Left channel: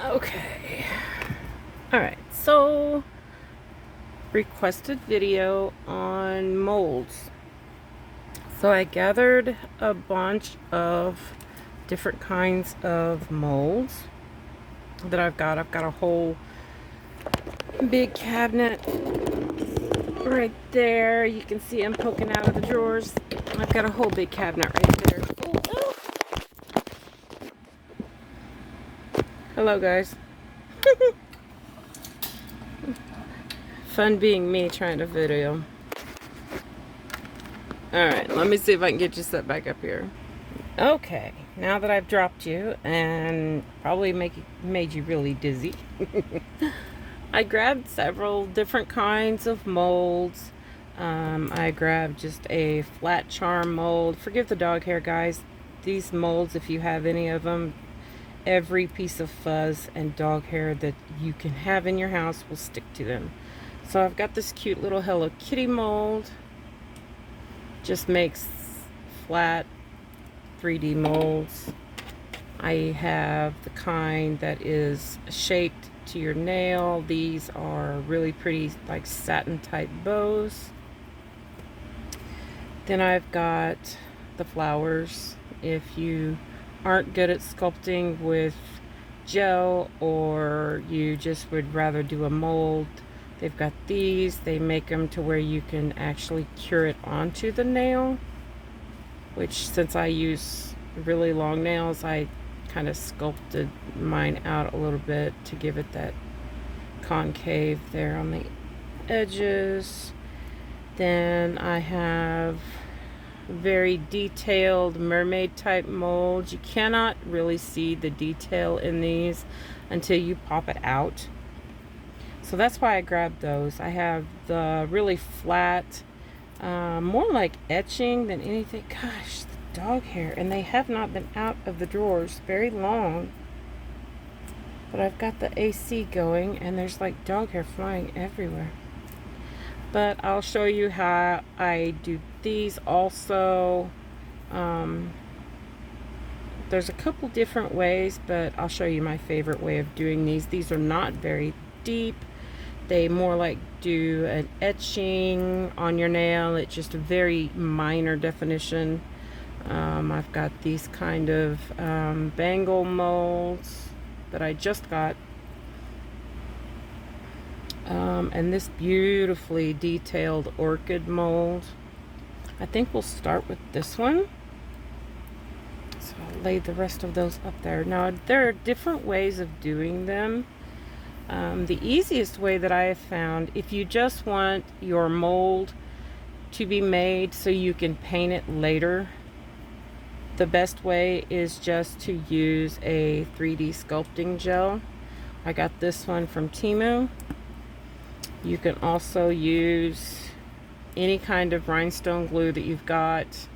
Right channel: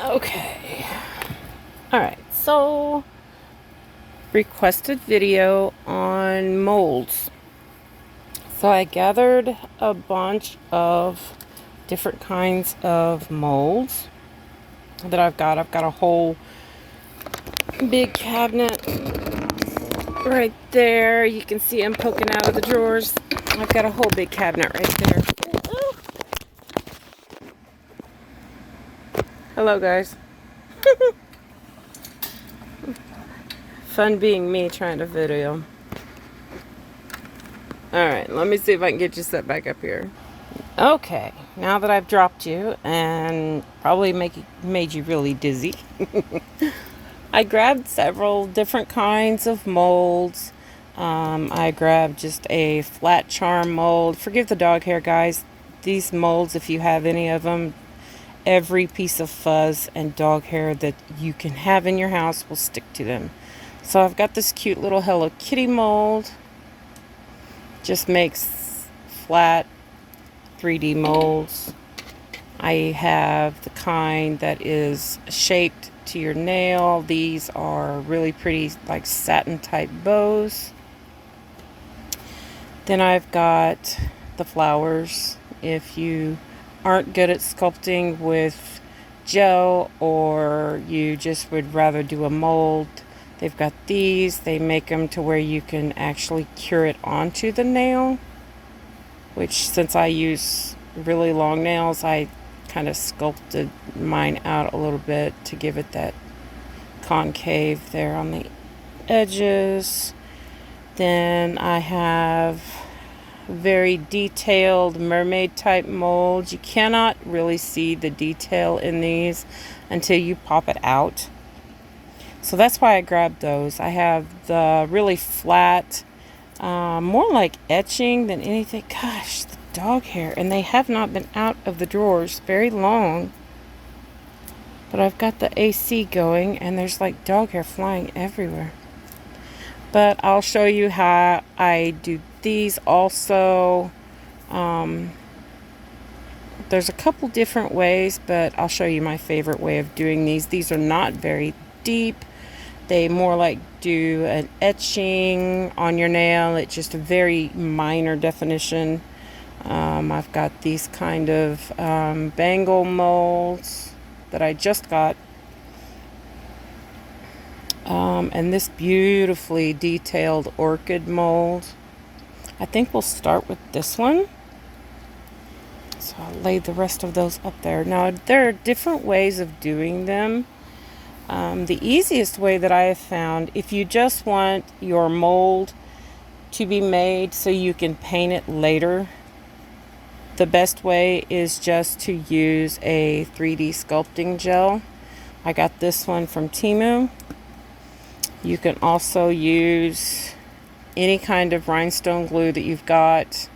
Okay. Alright, so requested video on molds. So I gathered a bunch of different kinds of molds that I've got. I've got a whole big cabinet right there. You can see I'm poking out of the drawers. I've got a whole big cabinet right there. Hello, guys. Fun being me trying to video. Alright, let me see if I can get you set back up here. Okay, now that I've dropped you and probably made you really dizzy, I grabbed several different kinds of molds. I grabbed just a flat charm mold. Forgive the dog hair, guys. These molds, if you have any of them, every piece of fuzz and dog hair that you can have in your house will stick to them. So I've got this cute little Hello Kitty mold. Just makes flat 3D molds. I have the kind that is shaped to your nail. These are really pretty, like satin type bows. Then I've got the flowers. If you aren't good at sculpting with gel, or you just would rather do a mold, they've got these. They make them to where you can actually cure it onto the nail, which, since I use really long nails, I kind of sculpted mine out a little bit to give it that concave there on the edges. Then I have very detailed mermaid type molds. You cannot really see the detail in these until you pop it out. So that's why I grabbed those. I have the really flat, more like etching than anything. Gosh, the dog hair. And they have not been out of the drawers very long. But I've got the AC going and there's like dog hair flying everywhere. But I'll show you how I do these also. There's a couple different ways, but I'll show you my favorite way of doing these. These are not very deep. They more like do an etching on your nail. It's just a very minor definition. I've got these kind of bangle molds that I just got. And this beautifully detailed orchid mold. I think we'll start with this one. So I'll lay the rest of those up there. Now, there are different ways of doing them. The easiest way that I have found, if you just want your mold to be made so you can paint it later, the best way is just to use a 3D sculpting gel. I got this one from Temu. You can also use any kind of rhinestone glue that you've got.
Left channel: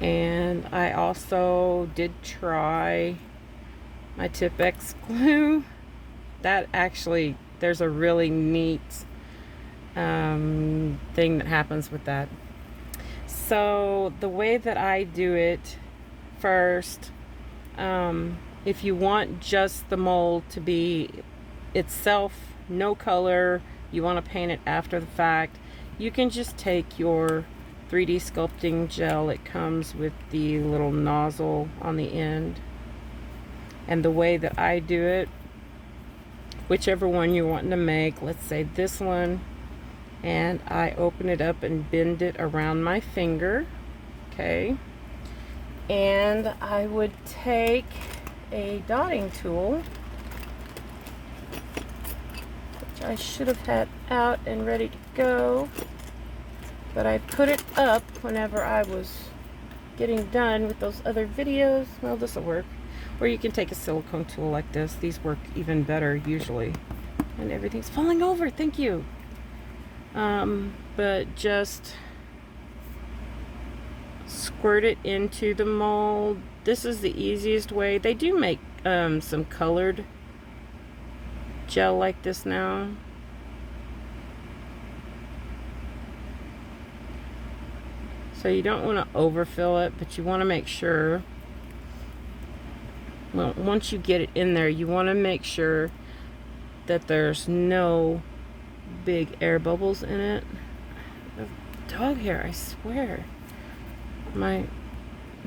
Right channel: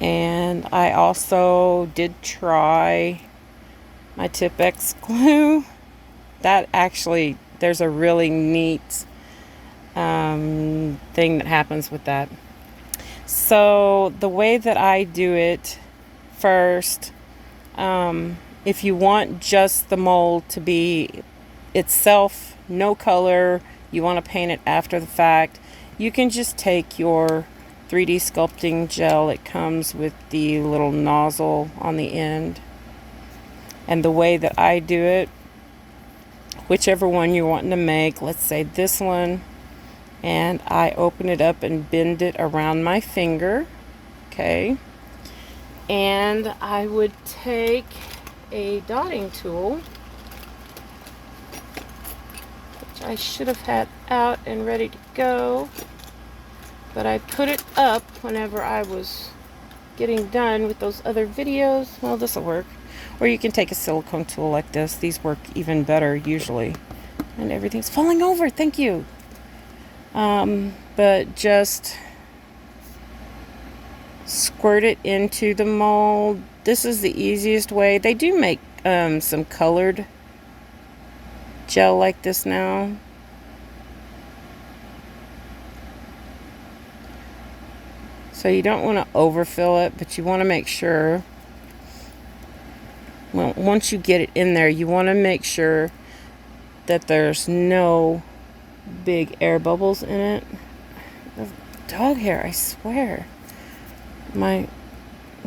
And I also did try my Tipp-Ex glue. That actually, there's a really neat thing that happens with that. So the way that I do it first, if you want just the mold to be itself, no color, you want to paint it after the fact, you can just take your 3D sculpting gel. It comes with the little nozzle on the end. And the way that I do it, whichever one you're wanting to make, let's say this one, and I open it up and bend it around my finger, okay? And I would take a dotting tool, which I should have had out and ready to go, but I put it up whenever I was getting done with those other videos. Well, this will work. Or you can take a silicone tool like this. These work even better usually. And everything's falling over. Thank you. But just squirt it into the mold. This is the easiest way. They do make some colored gel like this now. So you don't want to overfill it, but you want to make sure well, once you get it in there, you want to make sure that there's no big air bubbles in it. The dog hair, I swear. My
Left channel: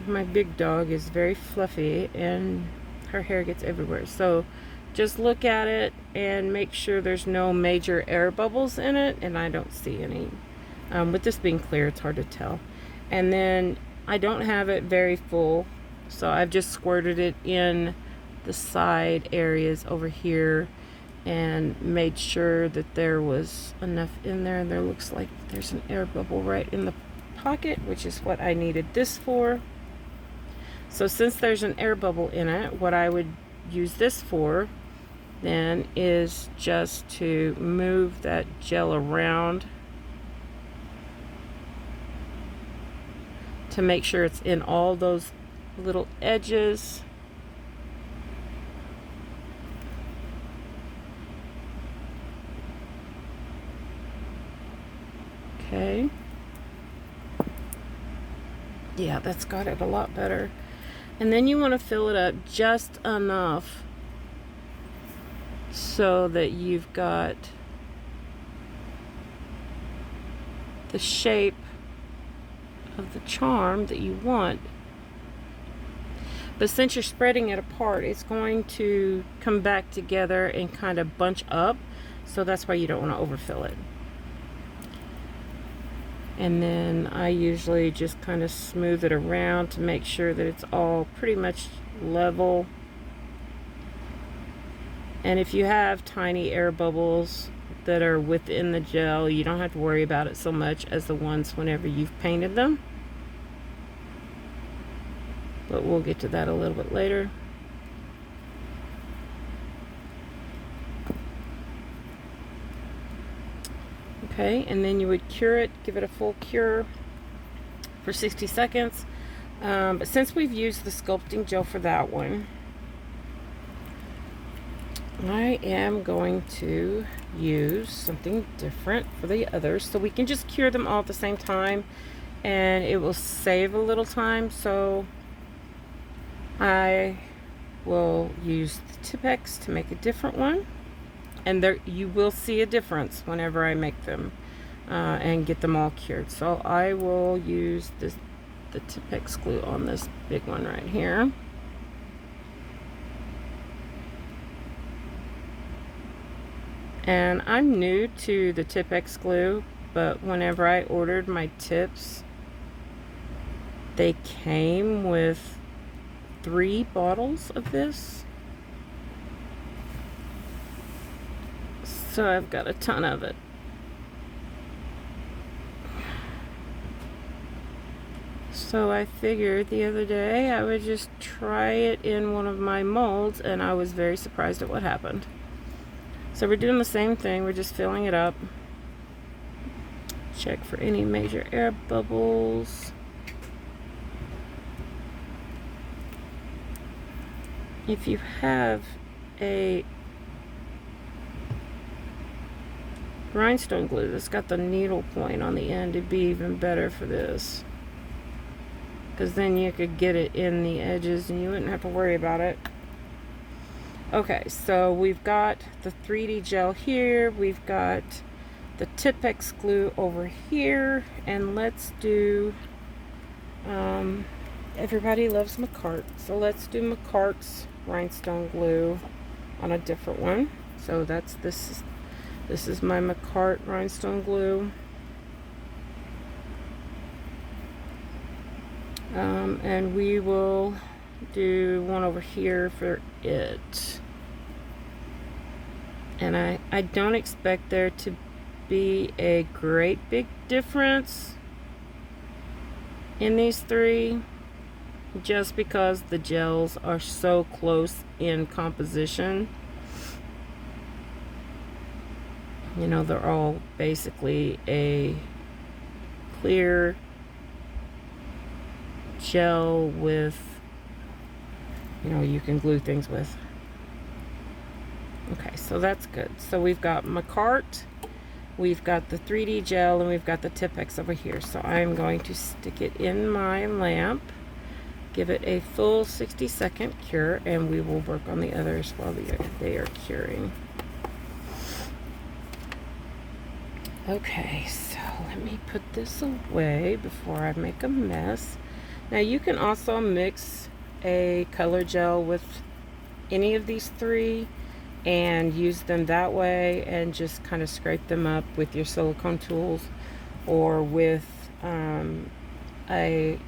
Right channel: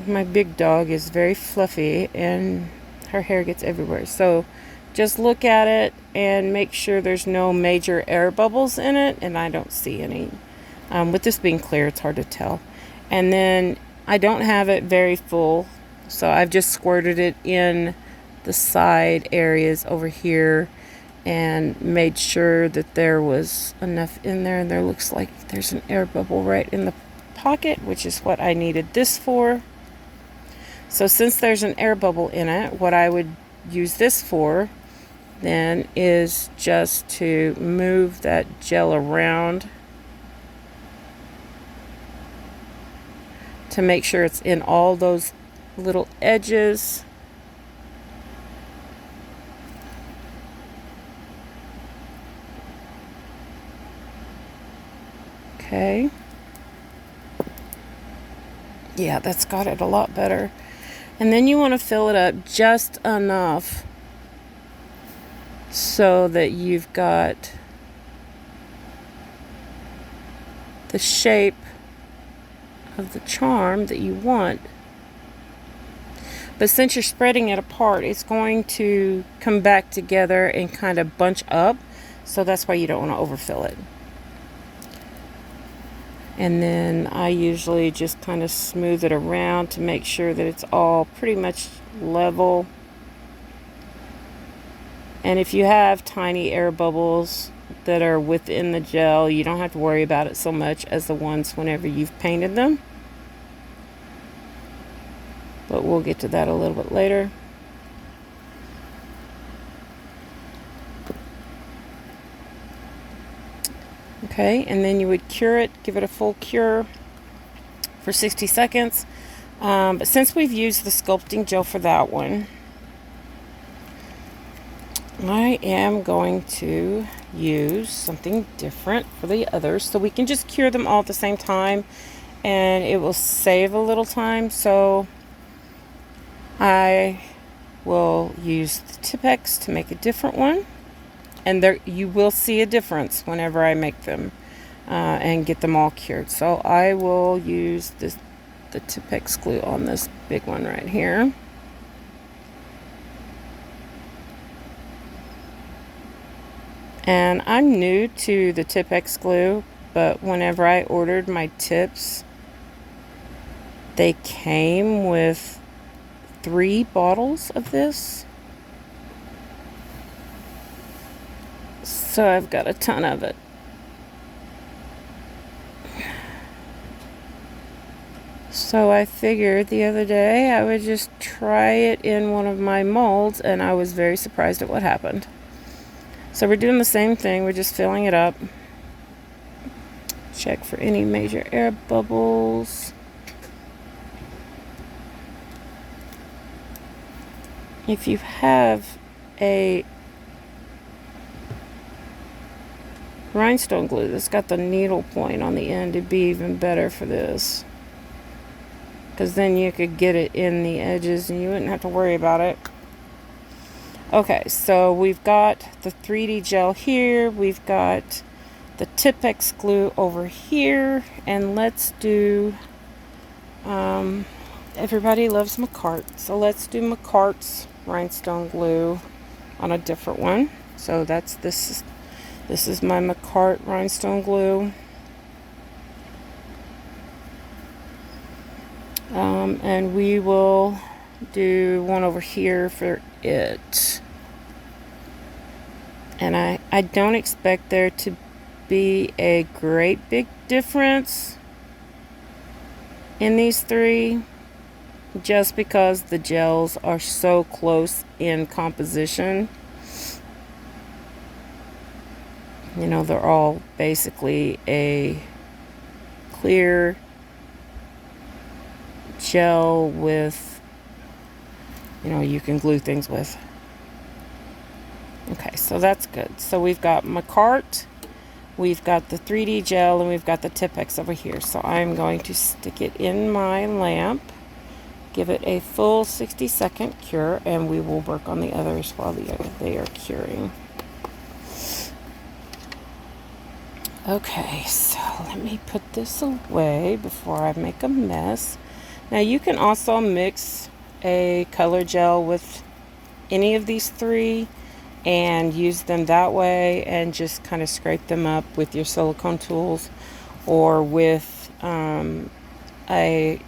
big dog is very fluffy and her hair gets everywhere. So just look at it and make sure there's no major air bubbles in it, and I don't see any. With this being clear, it's hard to tell. And then I don't have it very full, so I've just squirted it in the side areas over here and made sure that there was enough in there. And there looks like there's an air bubble right in the pocket, which is what I needed this for. So since there's an air bubble in it, what I would use this for then is just to move that gel around to make sure it's in all those little edges. Okay. Yeah, that's got it a lot better. And then you want to fill it up just enough so that you've got the shape of the charm that you want. But since you're spreading it apart, it's going to come back together and kind of bunch up. So that's why you don't want to overfill it. And then I usually just kind of smooth it around to make sure that it's all pretty much level. And if you have tiny air bubbles that are within the gel, you don't have to worry about it so much as the ones whenever you've painted them. But we'll get to that a little bit later. Okay, and then you would cure it, give it a full cure for 60 seconds. But since we've used the sculpting gel for that one, I am going to use something different for the others so we can just cure them all at the same time and it will save a little time. So I will use the Tipp-Ex to make a different one. And there, you will see a difference whenever I make them and get them all cured. So I will use the Tipp-Ex glue on this big one right here. And I'm new to the Tipp-Ex glue, but whenever I ordered my tips, they came with 3 bottles of this. So I've got a ton of it. So I figured the other day I would just try it in one of my molds, and I was very surprised at what happened. So we're doing the same thing, we're just filling it up. Check for any major air bubbles. If you have a rhinestone glue that's got the needle point on the end, it'd be even better for this, because then you could get it in the edges and you wouldn't have to worry about it. Okay, so we've got the 3D gel here, we've got the Tipp-Ex glue over here, and let's do everybody loves Macart, so let's do Macart's rhinestone glue on a different one. So that's this is my Macart rhinestone glue. And we will do one over here for it. And I don't expect there to be a great big difference in these 3, just because the gels are so close in composition. You know, they're all basically a clear gel with, you know, you can glue things with. Okay, so that's good. So we've got Macart, we've got the 3D gel, and we've got the Tipp-Ex over here. So I'm going to stick it in my lamp, Give it a full 60-second cure, and we will work on the others while they are curing. Okay, so let me put this away before I make a mess. Now you can also mix a color gel with any of these three and use them that way, and just kind of scrape them up with your silicone tools or with a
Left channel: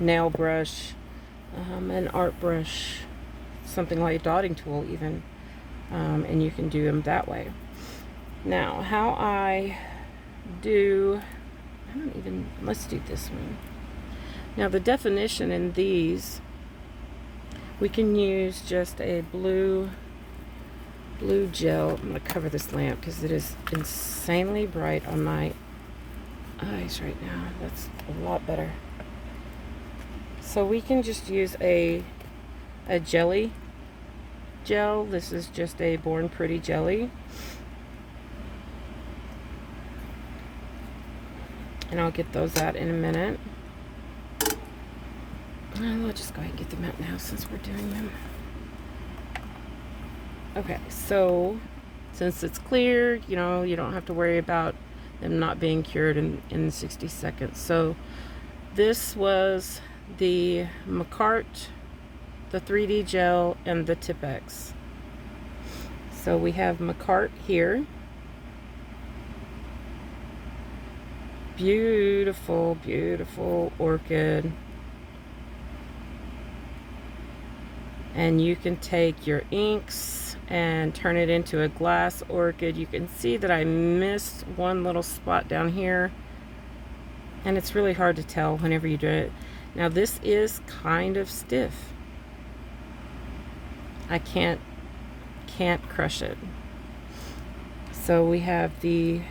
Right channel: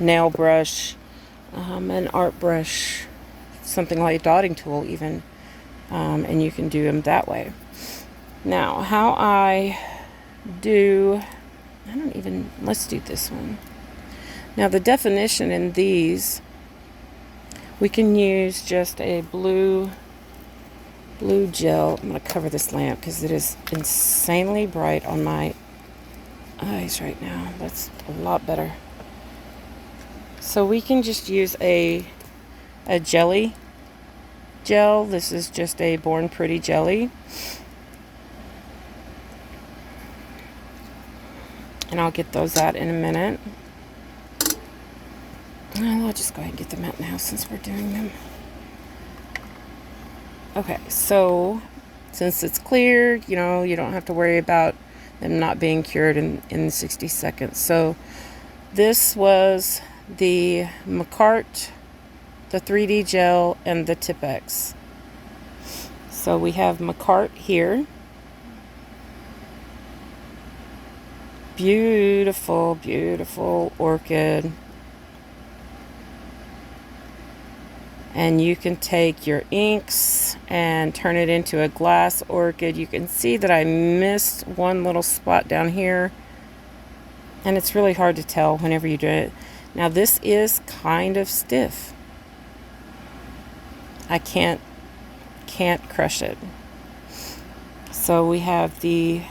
nail brush, an art brush, something like a dotting tool even, and you can do them that way. Now, how let's do this one. Now, the definition in these, we can use just a blue gel. I'm going to cover this lamp because it is insanely bright on my eyes right now. That's a lot better. So we can just use a jelly gel. This is just a Born Pretty jelly. And I'll get those out in a minute. Well, I'll just go ahead and get them out now since we're doing them. Okay, so since it's cleared, you don't have to worry about them not being cured in 60 seconds. So this was the Macart, the 3D gel, and the Tipp-Ex. So we have Macart here. Beautiful, beautiful orchid. And you can take your inks and turn it into a glass orchid. You can see that I missed one little spot down here, and it's really hard to tell whenever you do it. Now this is kind of stiff. I can't crush it. So we have the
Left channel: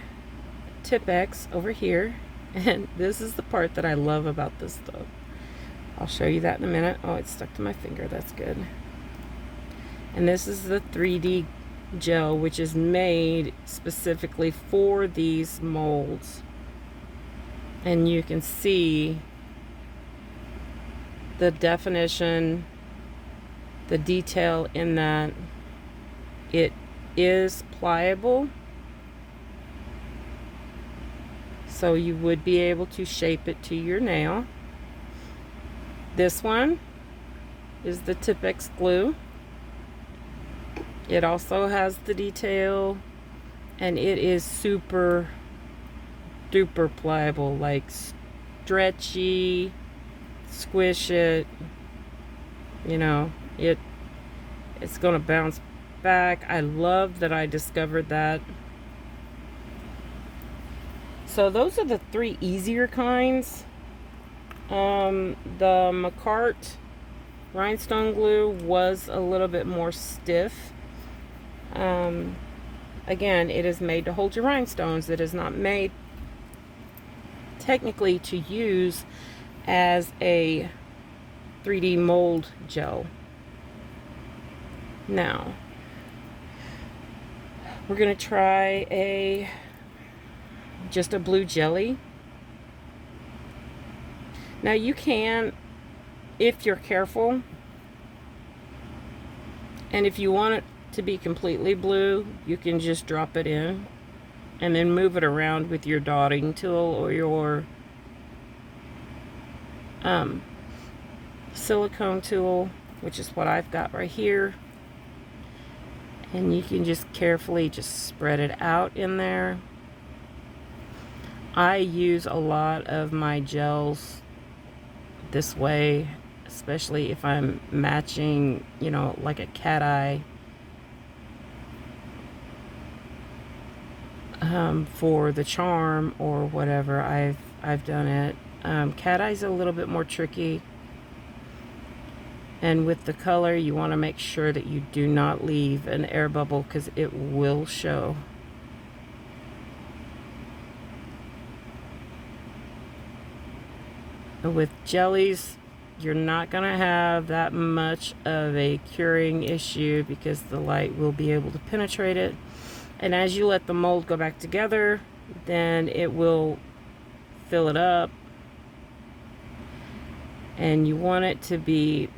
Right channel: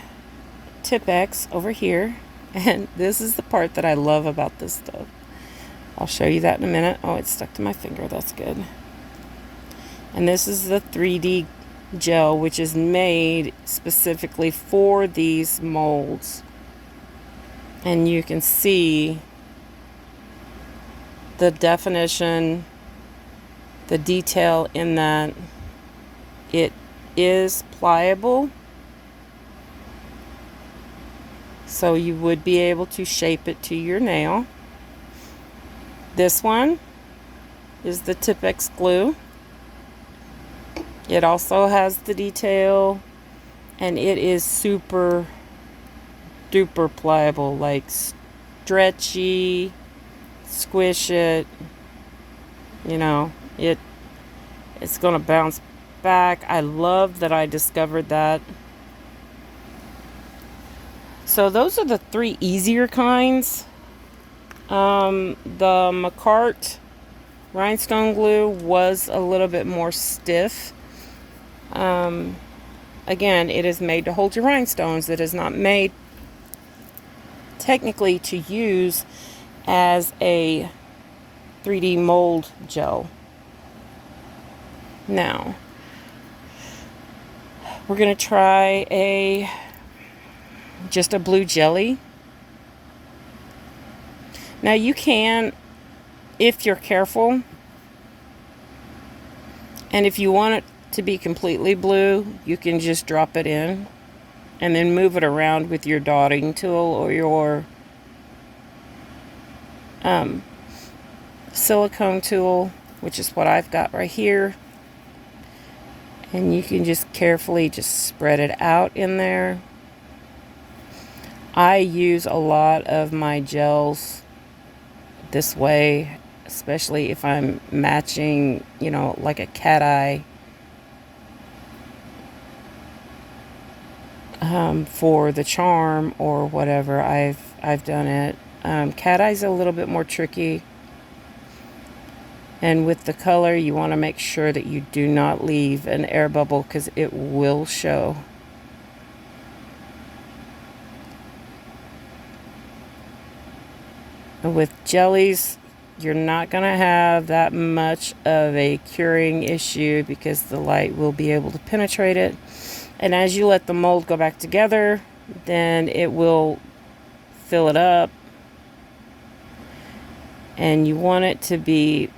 Tipp-Ex over here, and this is the part that I love about this stuff. I'll show you that in a minute. Oh, it's stuck to my finger. That's good. And this is the 3D gel, which is made specifically for these molds. And you can see the definition, the detail in that. It is pliable, so you would be able to shape it to your nail. This one is the Tipp-Ex glue. It also has the detail, and it is super duper pliable, like stretchy, squish it, it's gonna bounce back. I love that I discovered that. So those are the three easier kinds. The Macart rhinestone glue was a little bit more stiff. Again, it is made to hold your rhinestones. It is not made technically to use as a 3D mold gel. Now, we're going to try just a blue jelly. Now you can, if you're careful, and if you want it to be completely blue, you can just drop it in and then move it around with your dotting tool or your silicone tool, which is what I've got right here. And you can just carefully just spread it out in there. I use a lot of my gels this way, especially if I'm matching, like a cat eye for the charm or whatever. I've done it. Cat eye's a little bit more tricky, and with the color you want to make sure that you do not leave an air bubble because it will show. With jellies, you're not going to have that much of a curing issue because the light will be able to penetrate it. And as you let the mold go back together, then it will fill it up. And you want it to be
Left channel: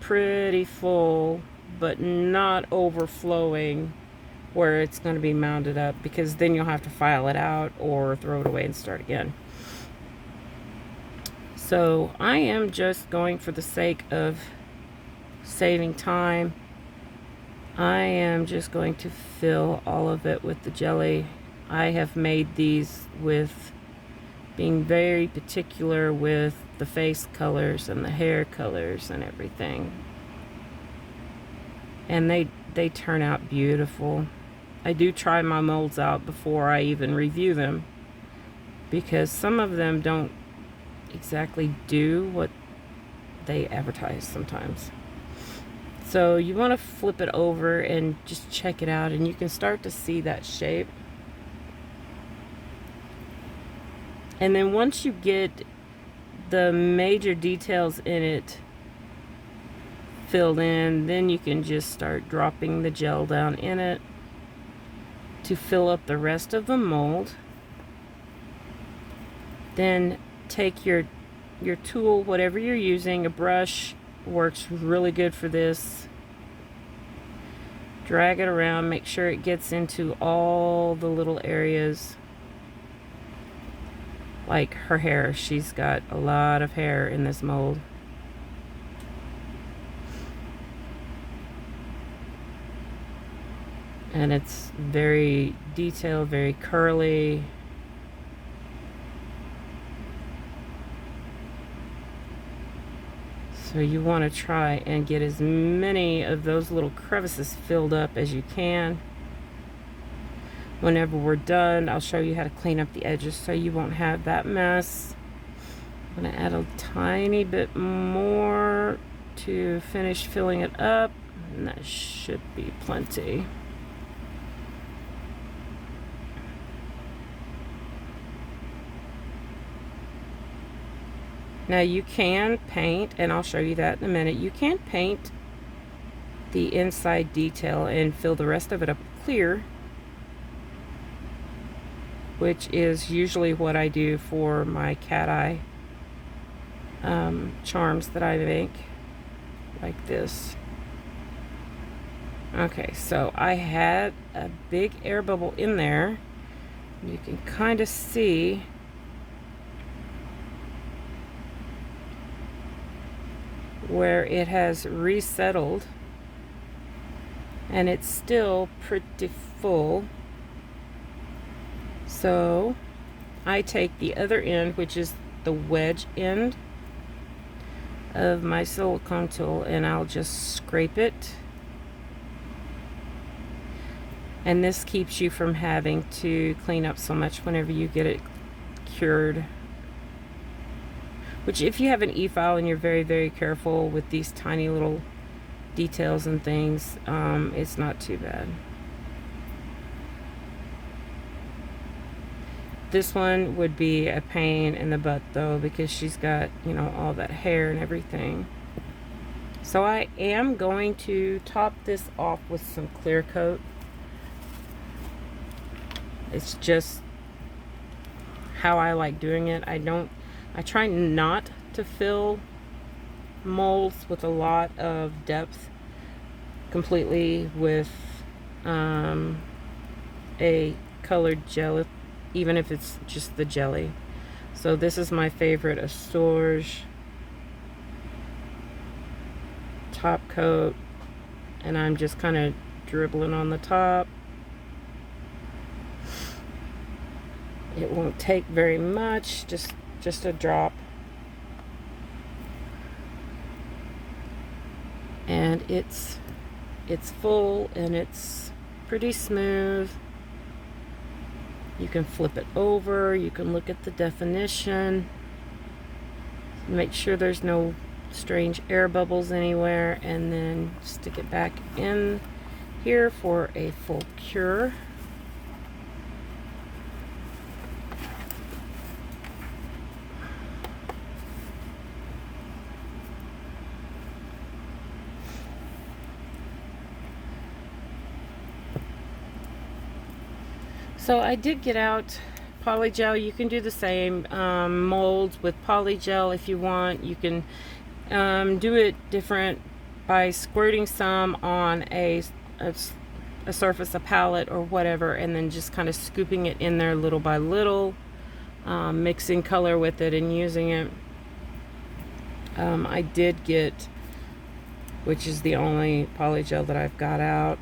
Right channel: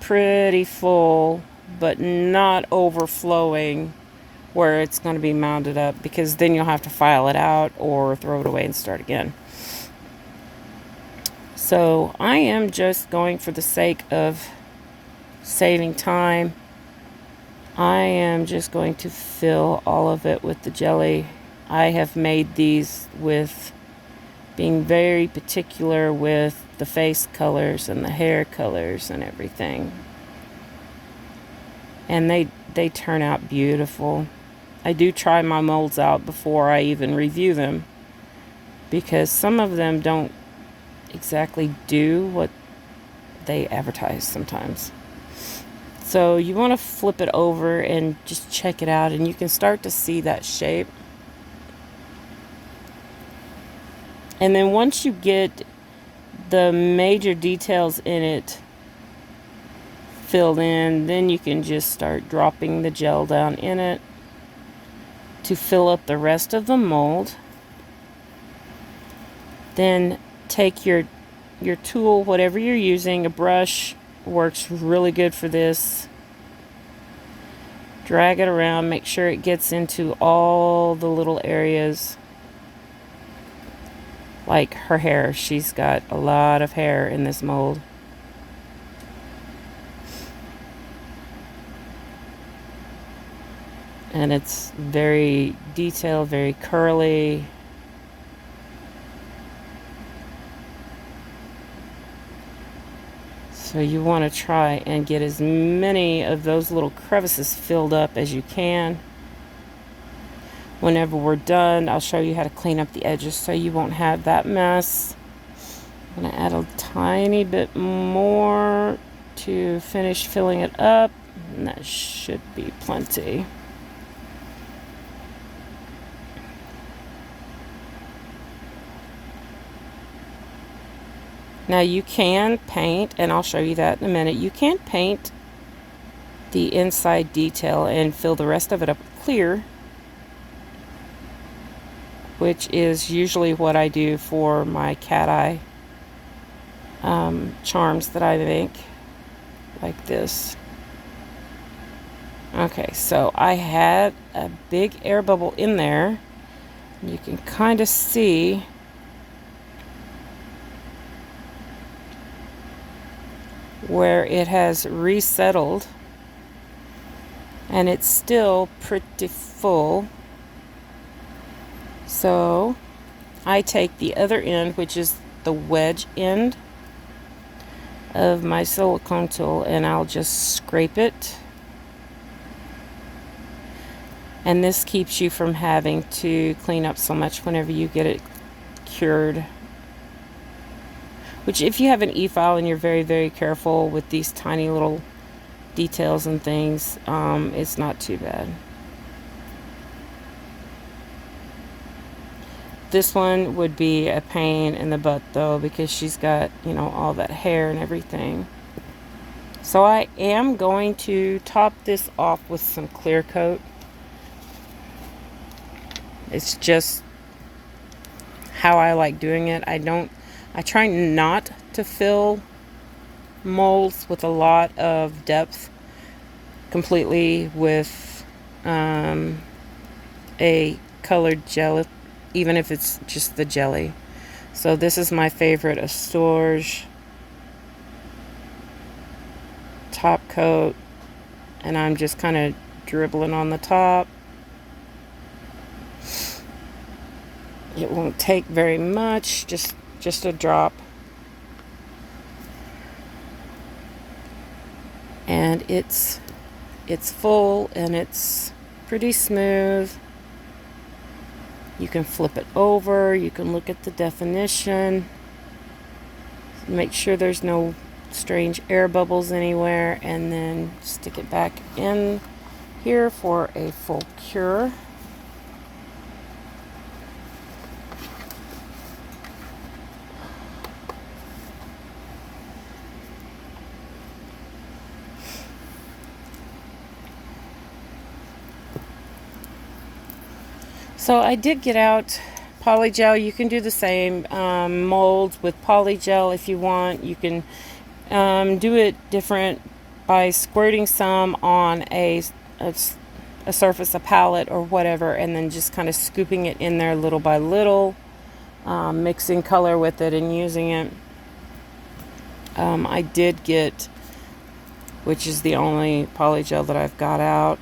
pretty full, but not overflowing where it's going to be mounded up, because then you'll have to file it out or throw it away and start again. So I am just going, for the sake of saving time, I am just going to fill all of it with the jelly. I have made these with being very particular with the face colors and the hair colors and everything. And they turn out beautiful. I do try my molds out before I even review them, because some of them don't exactly do what they advertise sometimes. So you want to flip it over and just check it out, and you can start to see that shape. And then once you get the major details in it filled in, then you can just start dropping the gel down in it to fill up the rest of the mold. Then take your tool, whatever you're using. A brush works really good for this. Drag it around, make sure it gets into all the little areas. Like her hair, she's got a lot of hair in this mold. And it's very detailed, very curly. So you want to try and get as many of those little crevices filled up as you can. Whenever we're done, I'll show you how to clean up the edges so you won't have that mess. I'm going to add a tiny bit more to finish filling it up, and that should be plenty. Now you can paint, and I'll show you that in a minute. You can paint the inside detail and fill the rest of it up with clear, which is usually what I do for my cat eye charms that I make, like this. Okay, so I had a big air bubble in there. You can kind of see where it has resettled, and it's still pretty full. So I take the other end, which is the wedge end of my silicone tool, and I'll just scrape it. And this keeps you from having to clean up so much whenever you get it cured. Which, if you have an e-file and you're very, very careful with these tiny little details and things, it's not too bad. This one would be a pain in the butt though, because she's got, all that hair and everything. So I am going to top this off with some clear coat. It's just how I like doing it. I try not to fill molds with a lot of depth completely with a colored gel, even if it's just the jelly. So this is my favorite Astorge top coat, and I'm just kind of dribbling on the top. It won't take very much, just a drop. And it's full and it's pretty smooth. You can flip it over, you can look at the definition, make sure there's no strange air bubbles anywhere, and then stick it back in here for a full cure. So I did get out polygel. You can do the same molds with polygel if you want. You can Do it different by squirting some on a surface, a palette or whatever, and then just kind of scooping it in there little by little, mixing color with it and using it. I did get, which is the only polygel that I've got out.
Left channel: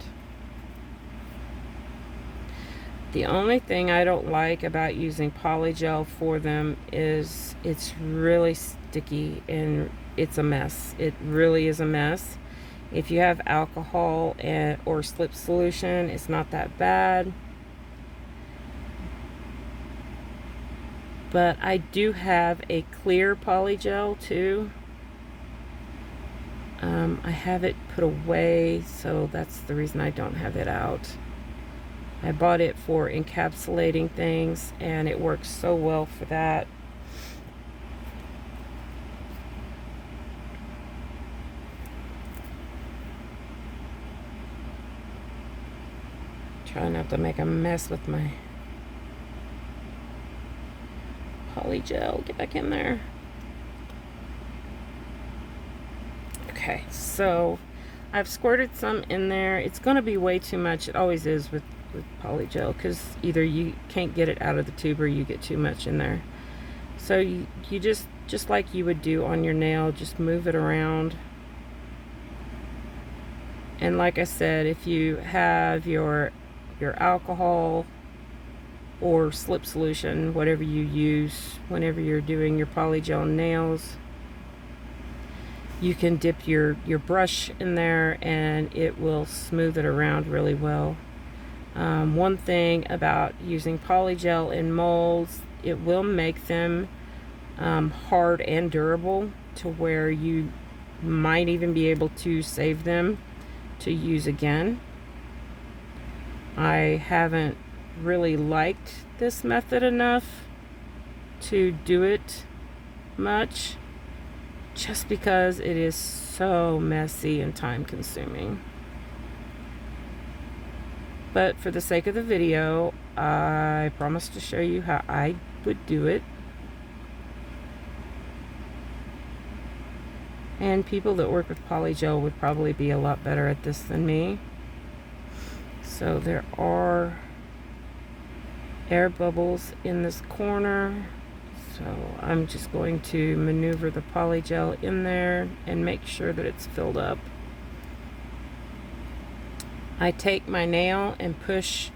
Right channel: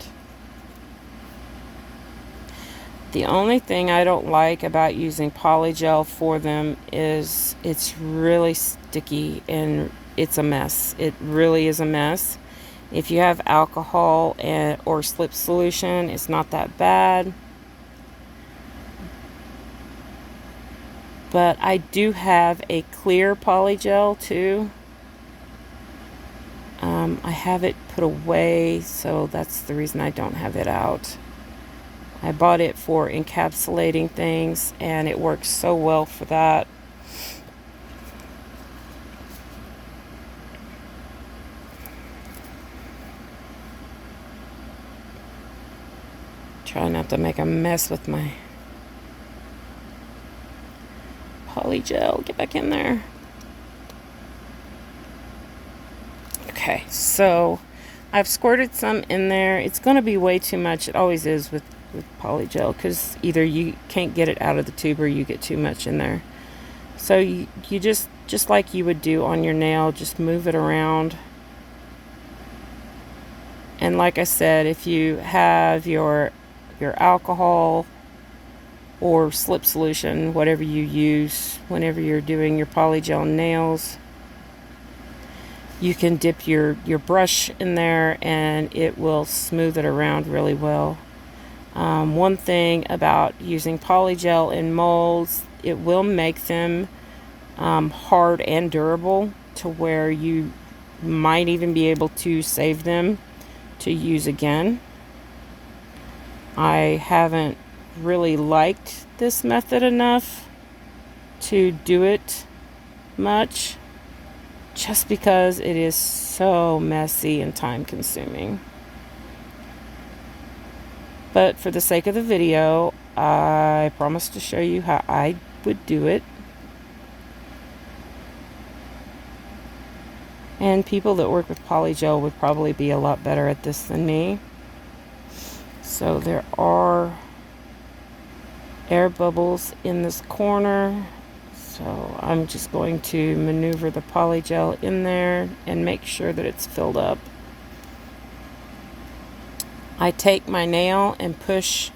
The only thing I don't like about using polygel for them is it's really sticky and it's a mess. It really is a mess. If you have alcohol or slip solution, it's not that bad. But I do have a clear polygel too. I have it put away, so that's the reason I don't have it out. I bought it for encapsulating things, and it works so well for that. Try not to make a mess with my polygel. Get back in there. Okay, so I've squirted some in there. It's going to be way too much. It always is with polygel, because either you can't get it out of the tube or you get too much in there. So you just like you would do on your nail, just move it around. And like I said, if you have your alcohol or slip solution, whatever you use whenever you're doing your polygel nails, you can dip your brush in there and it will smooth it around really well. One thing about using polygel in molds, it will make them hard and durable to where you might even be able to save them to use again. I haven't really liked this method enough to do it much, just because it is so messy and time consuming. But for the sake of the video, I promise to show you how I would do it. And people that work with polygel would probably be a lot better at this than me. So there are air bubbles in this corner. So I'm just going to maneuver the polygel in there and make sure that it's filled up. I take my nail and push,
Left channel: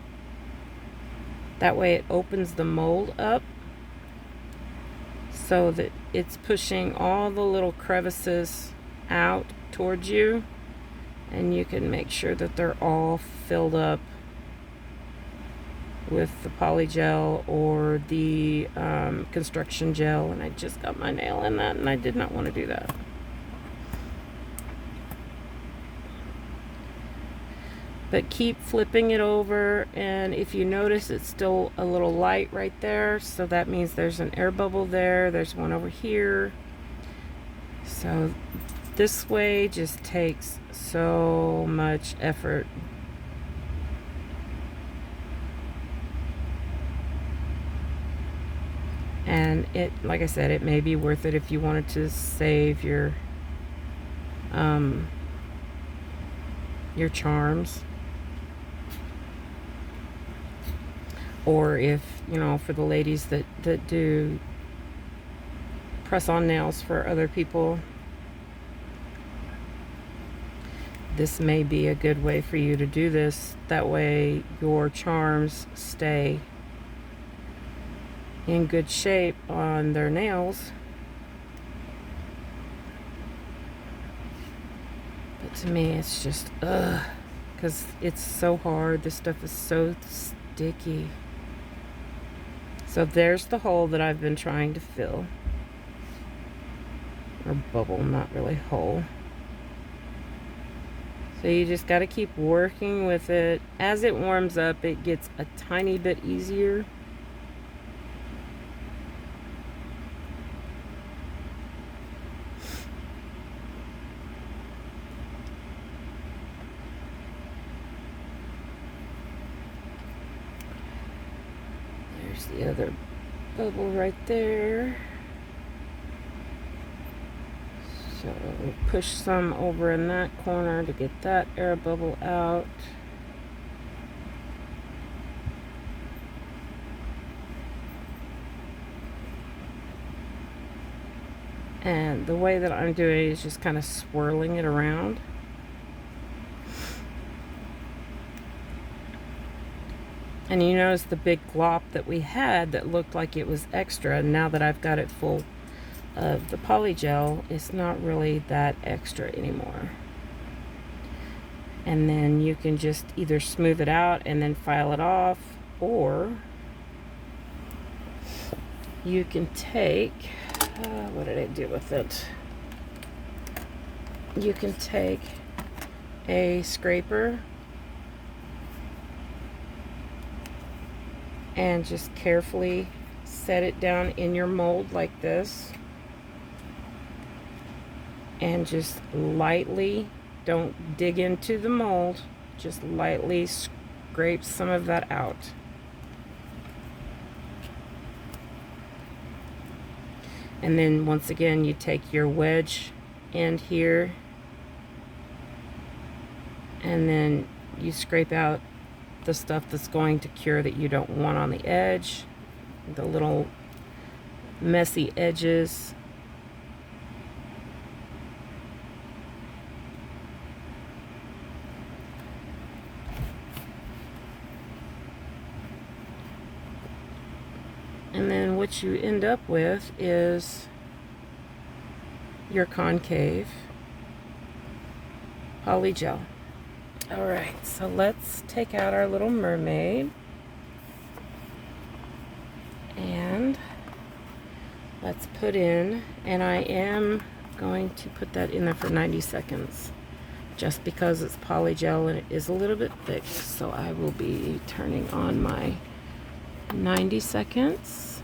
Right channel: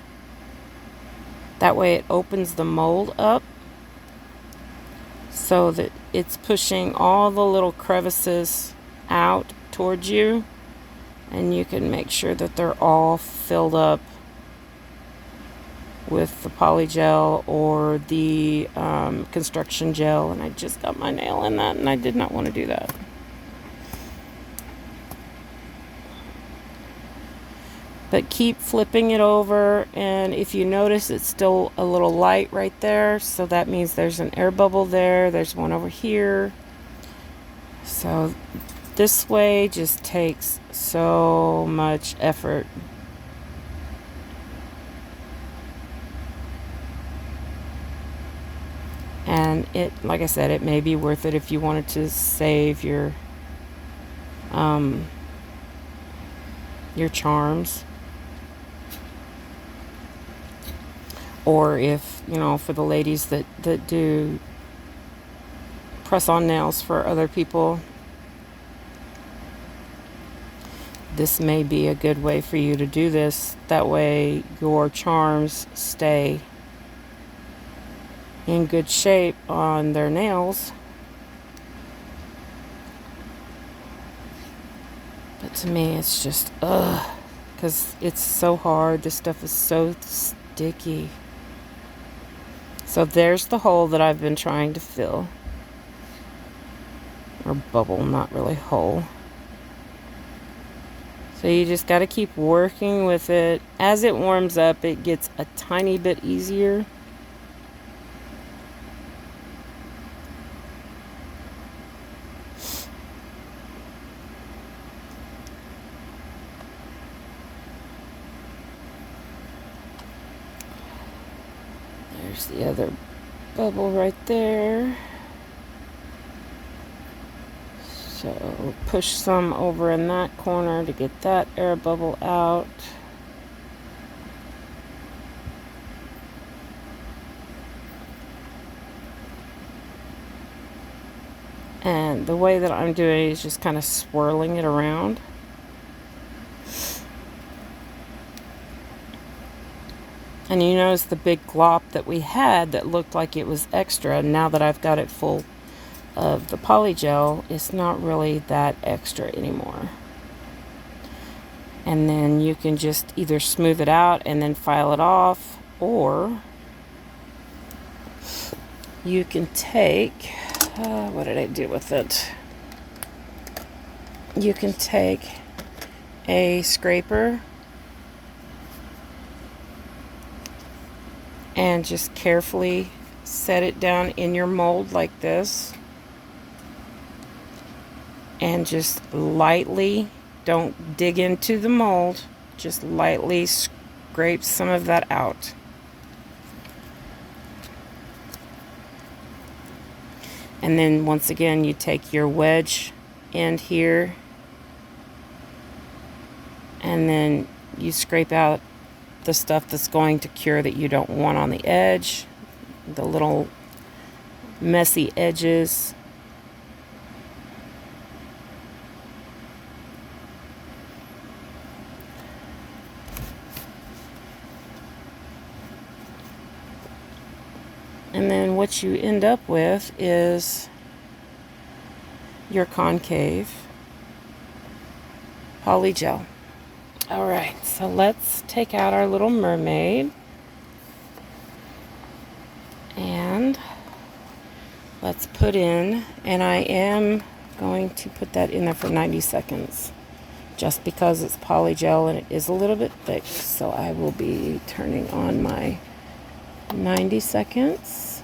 that way it opens the mold up so that it's pushing all the little crevices out towards you, and you can make sure that they're all filled up with the polygel or the construction gel. And I just got my nail in that, and I did not want to do that. But keep flipping it over, and if you notice it's still a little light right there, so that means there's an air bubble there. There's one over here. So this way just takes so much effort. And it, like I said, it may be worth it if you wanted to save your charms. Or if, you know, for the ladies that do press-on nails for other people, this may be a good way for you to do this. That way your charms stay in good shape on their nails. But to me, it's just, because it's so hard. This stuff is so sticky. So there's the hole that I've been trying to fill. Or bubble, not really hole. So you just got to keep working with it. As it warms up, it gets a tiny bit easier. There's the other bubble right there. So So push some over in that corner to get that air bubble out. And the way that I'm doing it is just kind of swirling it around. And you notice the big glop that we had that looked like it was extra. Now that I've got it full of the polygel, it's not really that extra anymore. And then you can just either smooth it out and then file it off, or you can take, what did I do with it? You can take a scraper and just carefully set it down in your mold like this, and just lightly, don't dig into the mold, just lightly scrape some of that out. And then once again, you take your wedge end here, and then you scrape out the stuff that's going to cure that you don't want on the edge, the little messy edges. And then what you end up with is your concave polygel. All right, so let's take out our little mermaid and let's put in, and I am going to put that in there for 90 seconds just because it's polygel and it is a little bit thick. So I will be turning on my 90 seconds.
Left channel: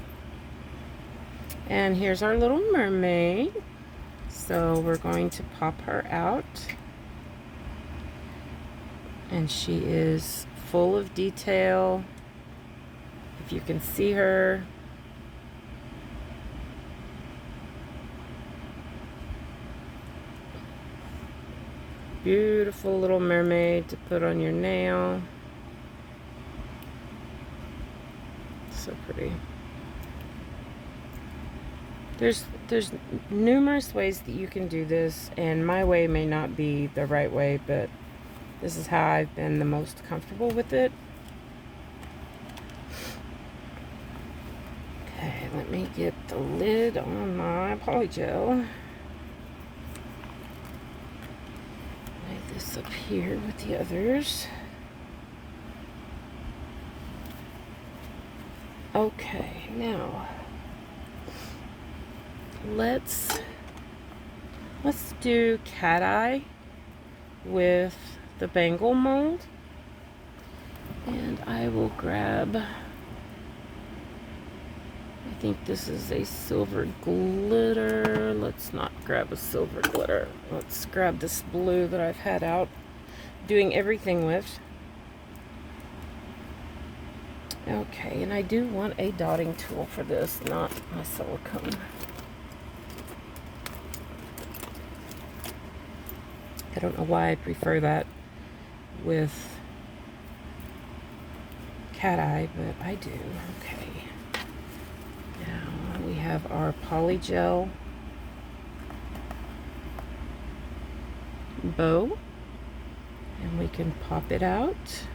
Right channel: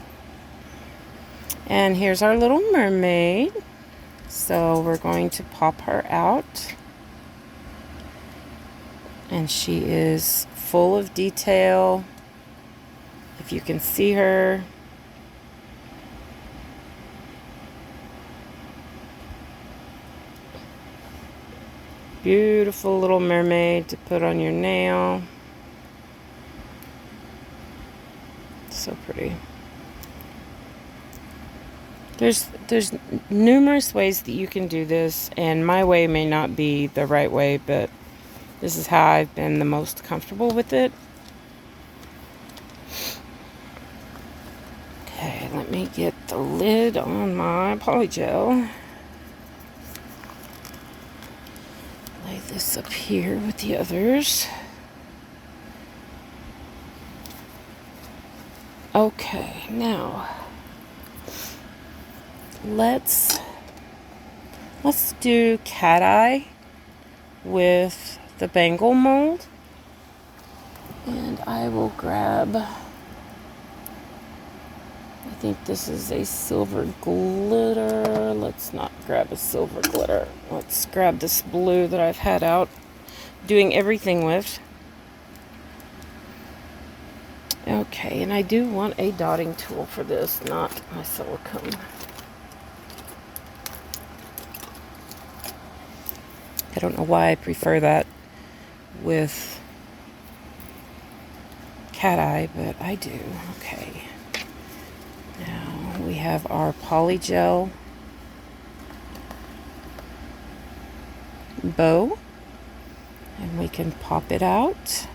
And here's our little mermaid. So we're going to pop her out. And she is full of detail. If you can see her. Beautiful little mermaid to put on your nail. So pretty. There's numerous ways that you can do this, and my way may not be the right way, but this is how I've been the most comfortable with it. Okay, let me get the lid on my polygel. Lay this up here with the others. Okay, now let's do cat eye with the bangle mold. And I will grab, I think this is a silver glitter. Let's not grab a silver glitter. Let's grab this blue that I've had out doing everything with. Okay, and I do want a dotting tool for this, not my silicone. I don't know why I prefer that with cat eye, but I do. Okay. Now we have our polygel bow, and we can pop it out.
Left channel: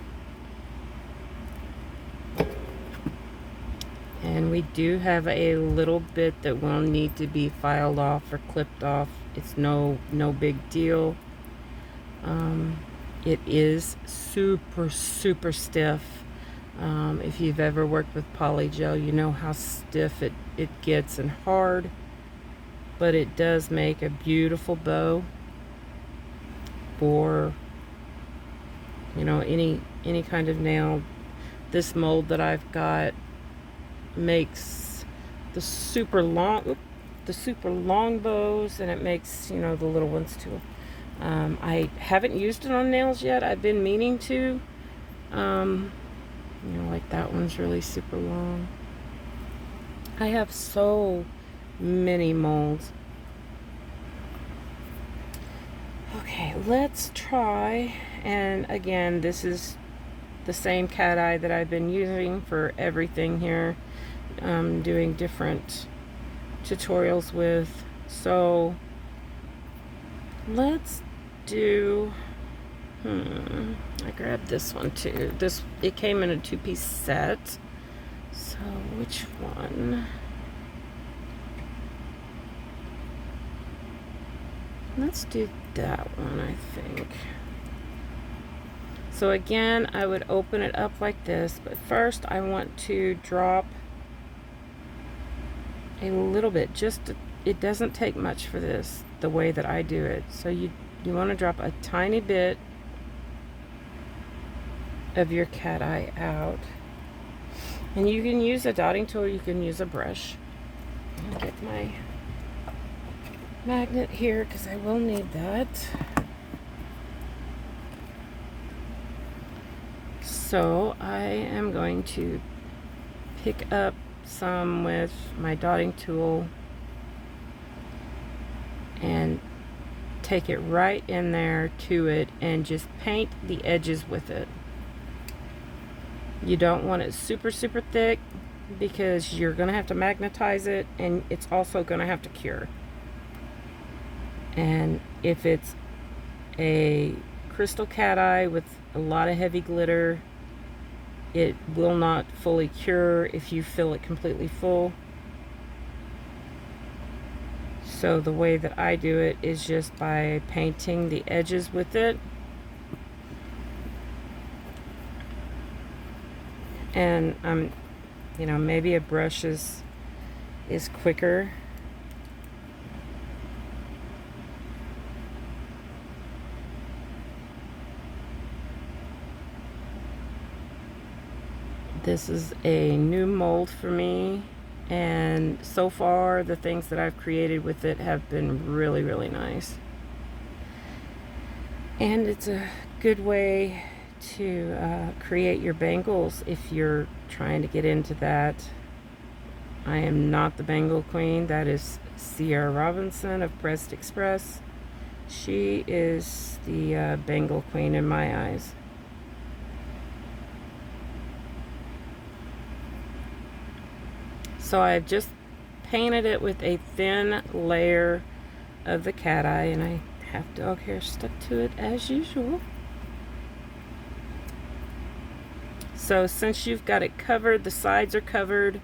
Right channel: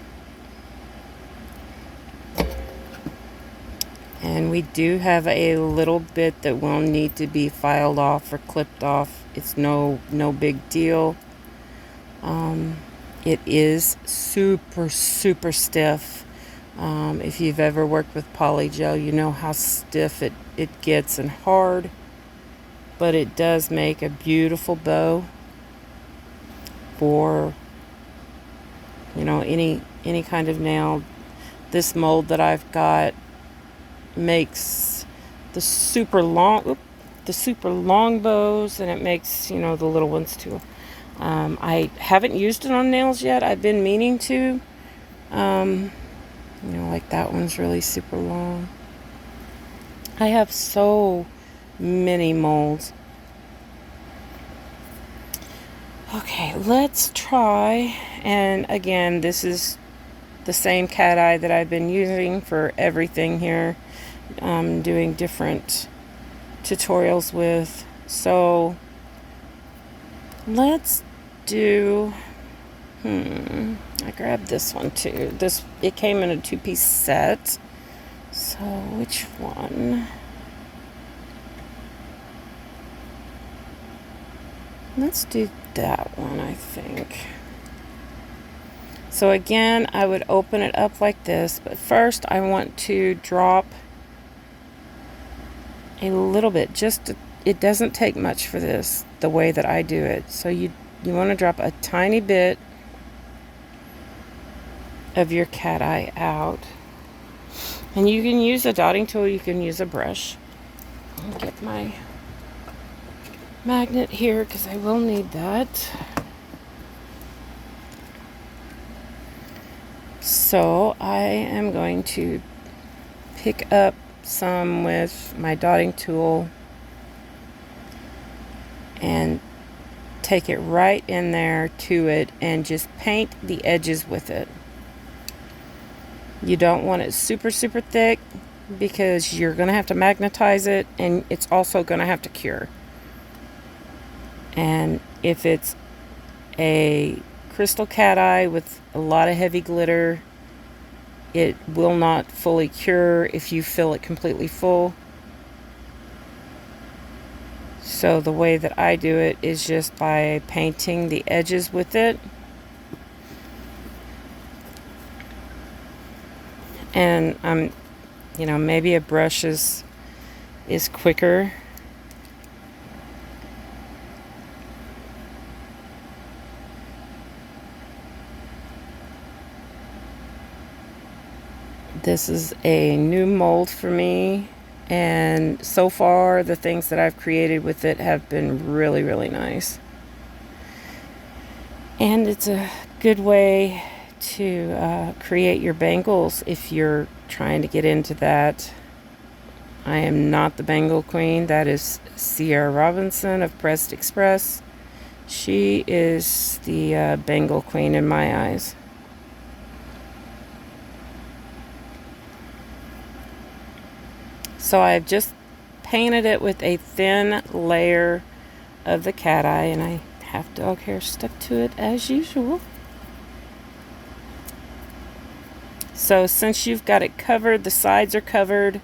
And we do have a little bit that will need to be filed off or clipped off. It's no big deal. It is super stiff. If you've ever worked with polygel, you know how stiff it gets and hard. But it does make a beautiful bow for, you know, any kind of nail. This mold that I've got makes the super long bows, and it makes, you know, the little ones too. I haven't used it on nails yet. I've been meaning to. You know, like that one's really super long. I have so many molds. Okay, let's try, and again, this is the same cat eye that I've been using for everything here, doing different tutorials with. So let's do, I grabbed this one too. It came in a 2-piece set. So which one? Let's do that one, I think. So again, I would open it up like this, but first I want to drop a little bit, it doesn't take much for this, the way that I do it. So you want to drop a tiny bit of your cat eye out. And you can use a dotting tool, you can use a brush. I'll get my magnet here because I will need that. So I am going to pick up some with my dotting tool and take it right in there to it and just paint the edges with it. You don't want it super thick because you're going to have to magnetize it, and it's also going to have to cure. And if it's a crystal cat eye with a lot of heavy glitter, it will not fully cure if you fill it completely full. So the way that I do it is just by painting the edges with it. And maybe a brush is quicker. This is a new mold for me, and so far the things that I've created with it have been really nice. And it's a good way to create your bangles if you're trying to get into that. I am not the bangle queen. That is Sierra Robinson of Pressed Express. She is the bangle queen in my eyes. So I've just painted it with a thin layer of the cat eye, and I have dog hair stuck to it as usual. So since you've got it covered, the sides are covered,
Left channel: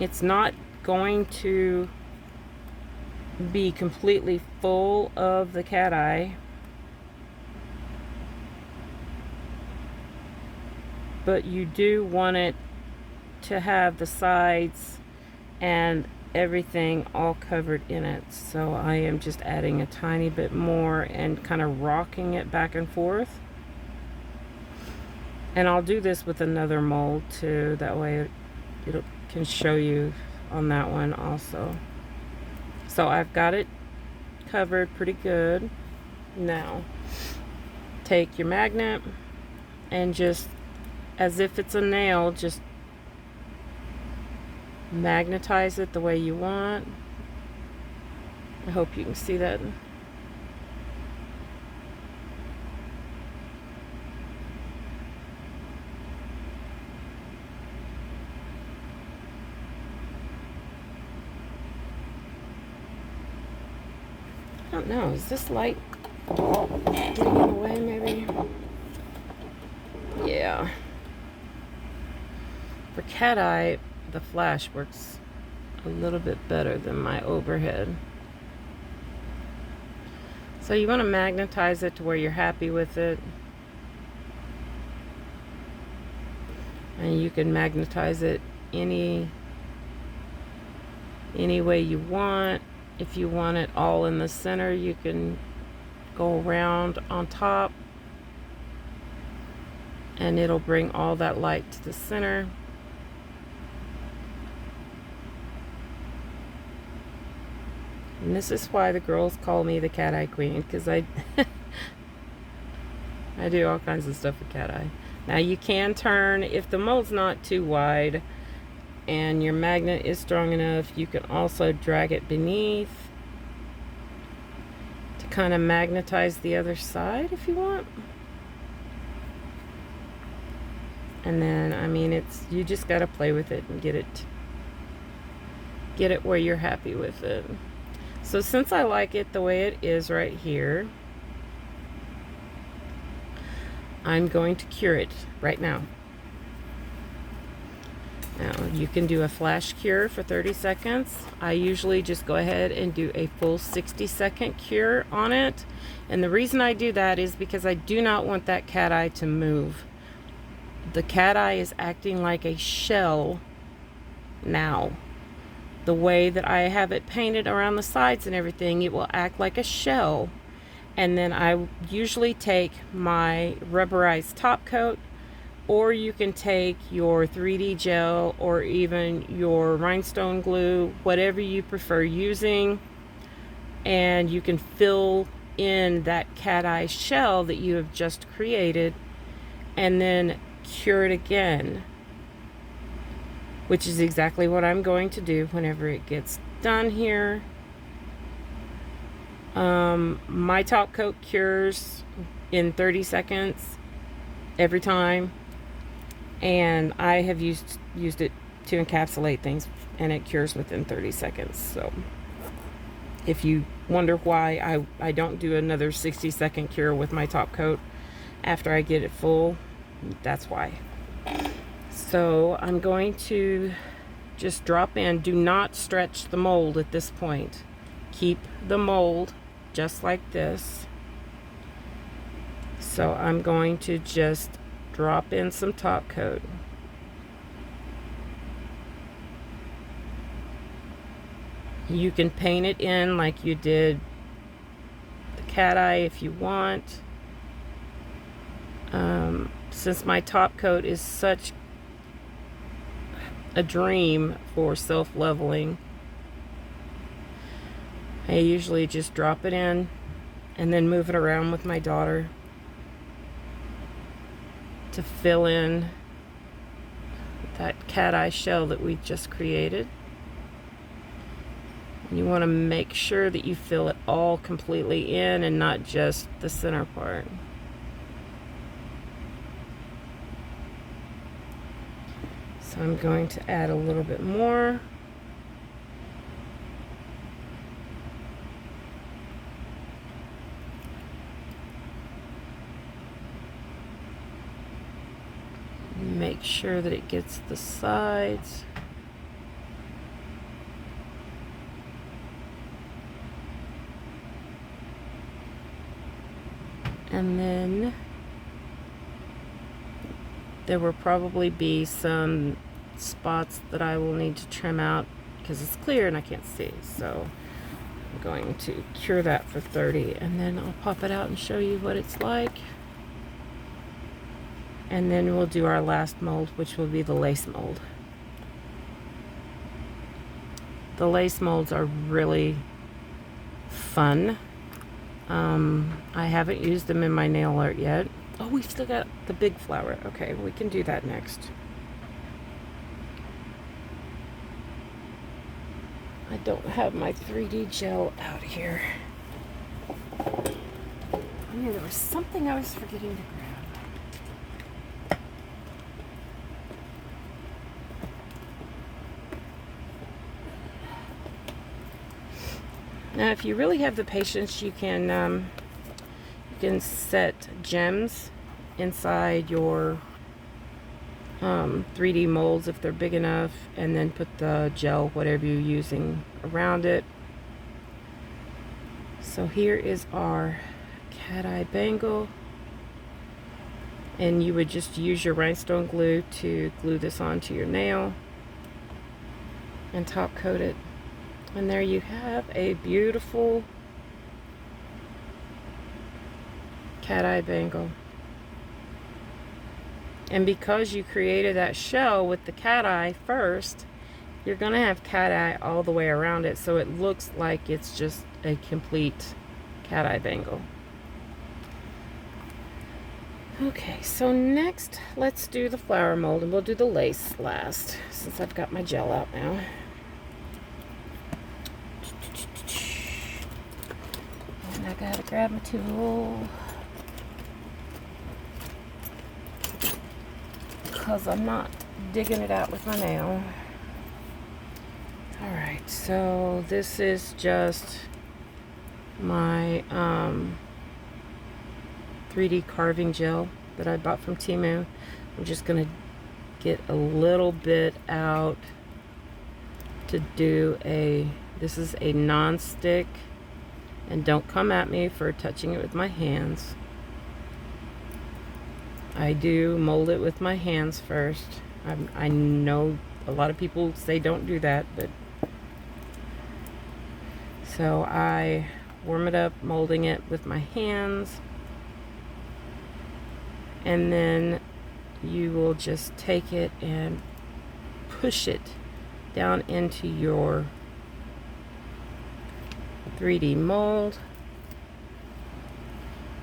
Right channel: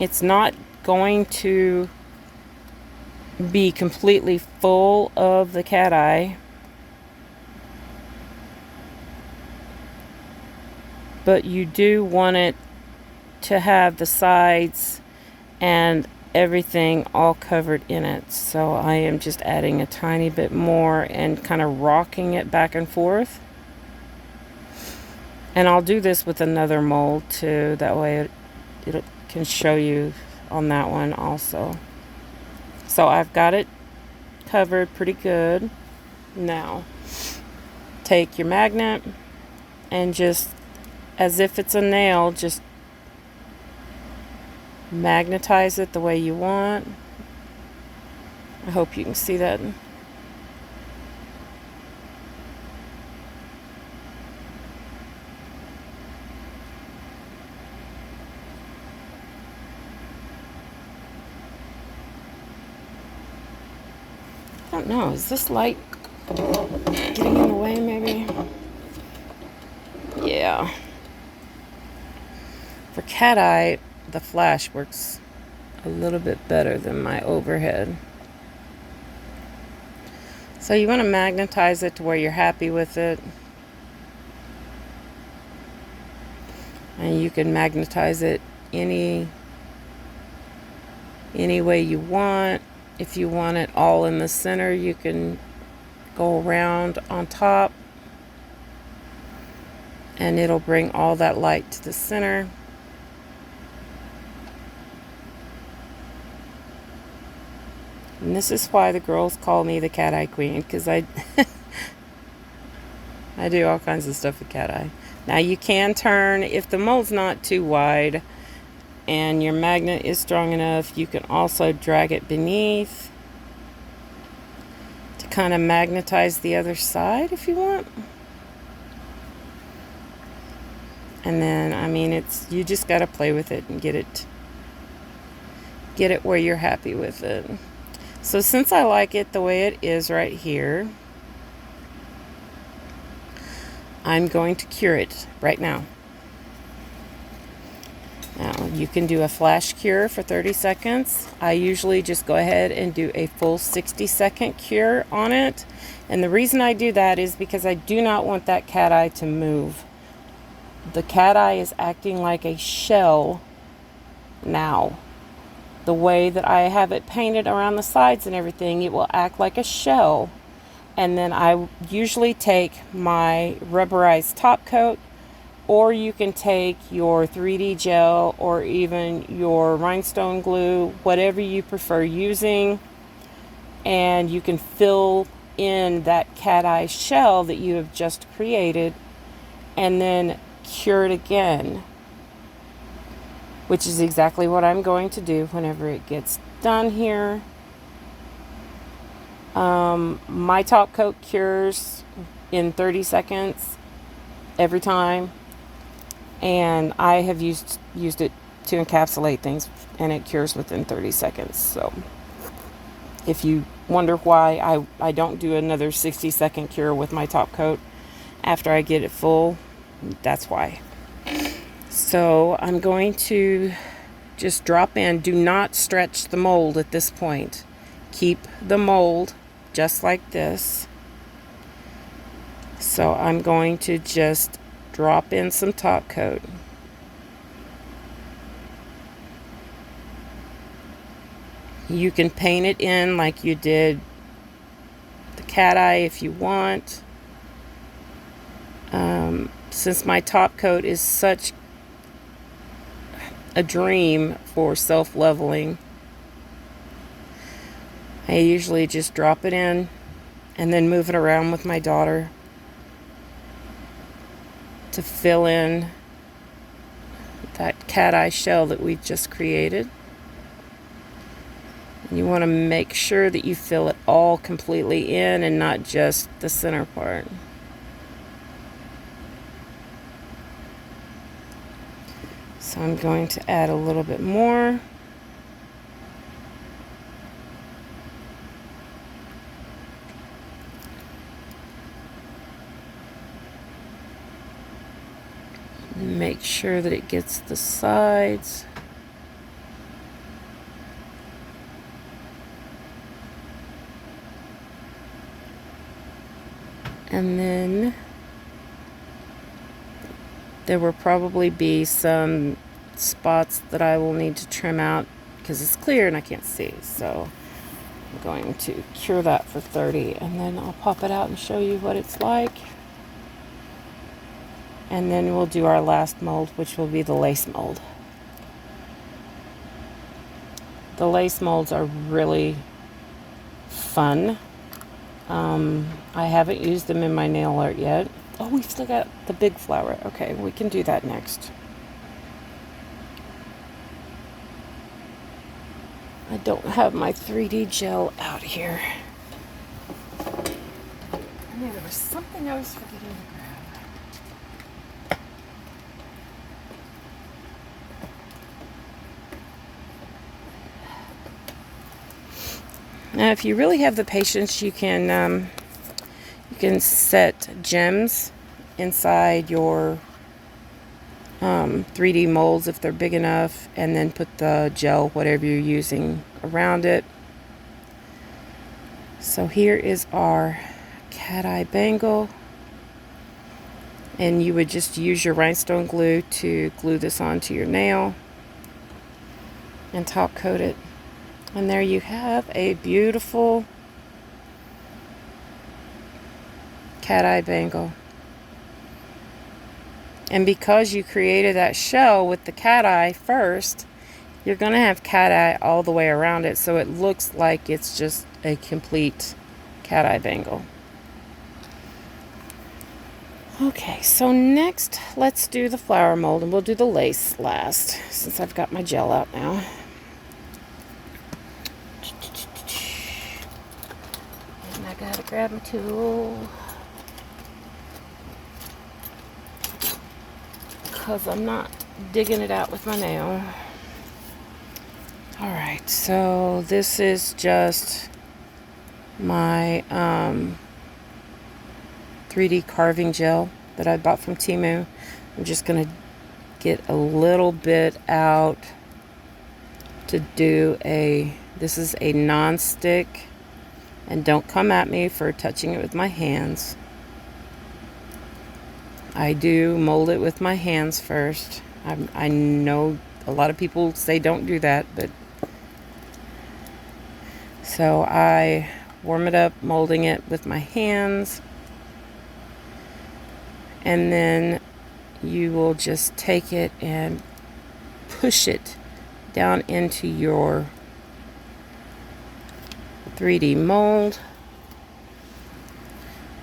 it's not going to be completely full of the cat eye, but you do want it to have the sides and everything all covered in it. So I am just adding a tiny bit more and kind of rocking it back and forth. And I'll do this with another mold too, that way it can show you on that one also. So I've got it covered pretty good. Now take your magnet and just, as if it's a nail, just magnetize it the way you want. I hope you can see that. I don't know, is this light getting in the way maybe? Yeah. For cat eye, the flash works a little bit better than my overhead. So you want to magnetize it to where you're happy with it. And you can magnetize it any way you want. If you want it all in the center, you can go around on top and it'll bring all that light to the center. And this is why the girls call me the cat eye queen, because I do all kinds of stuff with cat eye. Now you can turn, if the mold's not too wide and your magnet is strong enough, you can also drag it beneath kind of magnetize the other side if you want. And then, I mean, you just got to play with it and get it where you're happy with it. So since I like it the way it is right here, I'm going to cure it right now. Now, you can do a flash cure for 30 seconds. I usually just go ahead and do a full 60-second cure on it. And the reason I do that is because I do not want that cat eye to move. The cat eye is acting like a shell now. The way that I have it painted around the sides and everything, it will act like a shell. And then I usually take my rubberized top coat, or you can take your 3D gel or even your rhinestone glue, whatever you prefer using, and you can fill in that cat eye shell that you have just created and then cure it again, which is exactly what I'm going to do whenever it gets done here. My top coat cures in 30 seconds every time, and I have used it to encapsulate things, and it cures within 30 seconds. So if you wonder why I don't do another 60-second cure with my top coat after I get it full, that's why. So I'm going to just drop in. Do not stretch the mold at this point. Keep the mold just like this. So I'm going to just drop in some top coat. You can paint it in like you did the cat eye if you want. Since my top coat is such a dream for self-leveling, I usually just drop it in and then move it around with my daughter to fill in that cat eye shell that we just created. You want to make sure that you fill it all completely in and not just the center part. So I'm going to add a little bit more. Make sure that it gets the sides. And then there will probably be some spots that I will need to trim out because it's clear and I can't see. So I'm going to cure that for 30, and then I'll pop it out and show you what it's like. And then we'll do our last mold, which will be the lace mold. The lace molds are really fun. I haven't used them in my nail art yet. Oh, we've still got the big flower. Okay, we can do that next. I don't have my 3D gel out here. I knew there was something I was forgetting to grab. Now, if you really have the patience, you can set gems inside your 3D molds if they're big enough, and then put the gel, whatever you're using, around it. So here is our cat eye bangle, and you would just use your rhinestone glue to glue this onto your nail and top coat it. And there you have a beautiful cat eye bangle. And because you created that shell with the cat eye first, you're going to have cat eye all the way around it, so it looks like it's just a complete cat eye bangle. Okay, so next let's do the flower mold, and we'll do the lace last since I've got my gel out now. And I gotta Grab my tool. Because I'm not digging it out with my nail. Alright, so this is just my 3D carving gel that I bought from Temu. I'm just going to get a little bit out to do this is a non-stick, and don't come at me for touching it with my hands. I do mold it with my hands first. I know a lot of people say don't do that, but so I warm it up, molding it with my hands, and then you will just take it and push it down into your 3D mold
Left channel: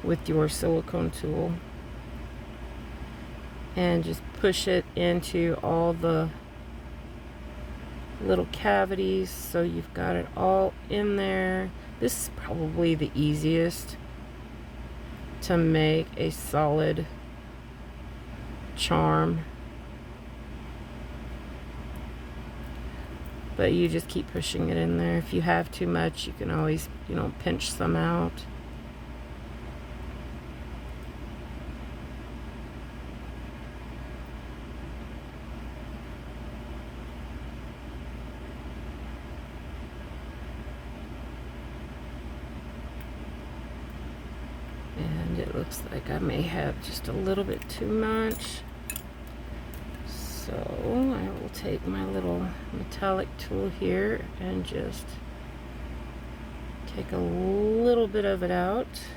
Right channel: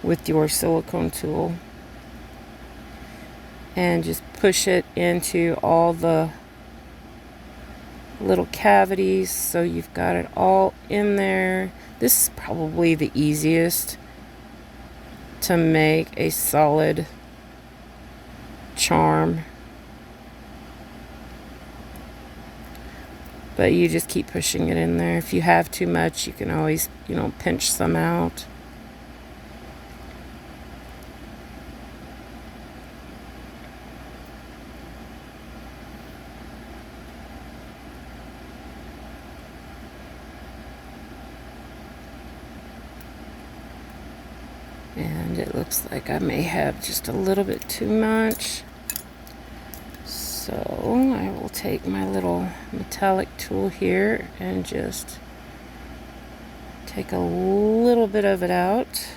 with your silicone tool, and just push it into all the little cavities so you've got it all in there. This is probably the easiest to make a solid charm, but you just keep pushing it in there. If you have too much, you can always, pinch some out. And it looks like I may have just a little bit too much. So I will take my little metallic tool here and just take a little bit of it out.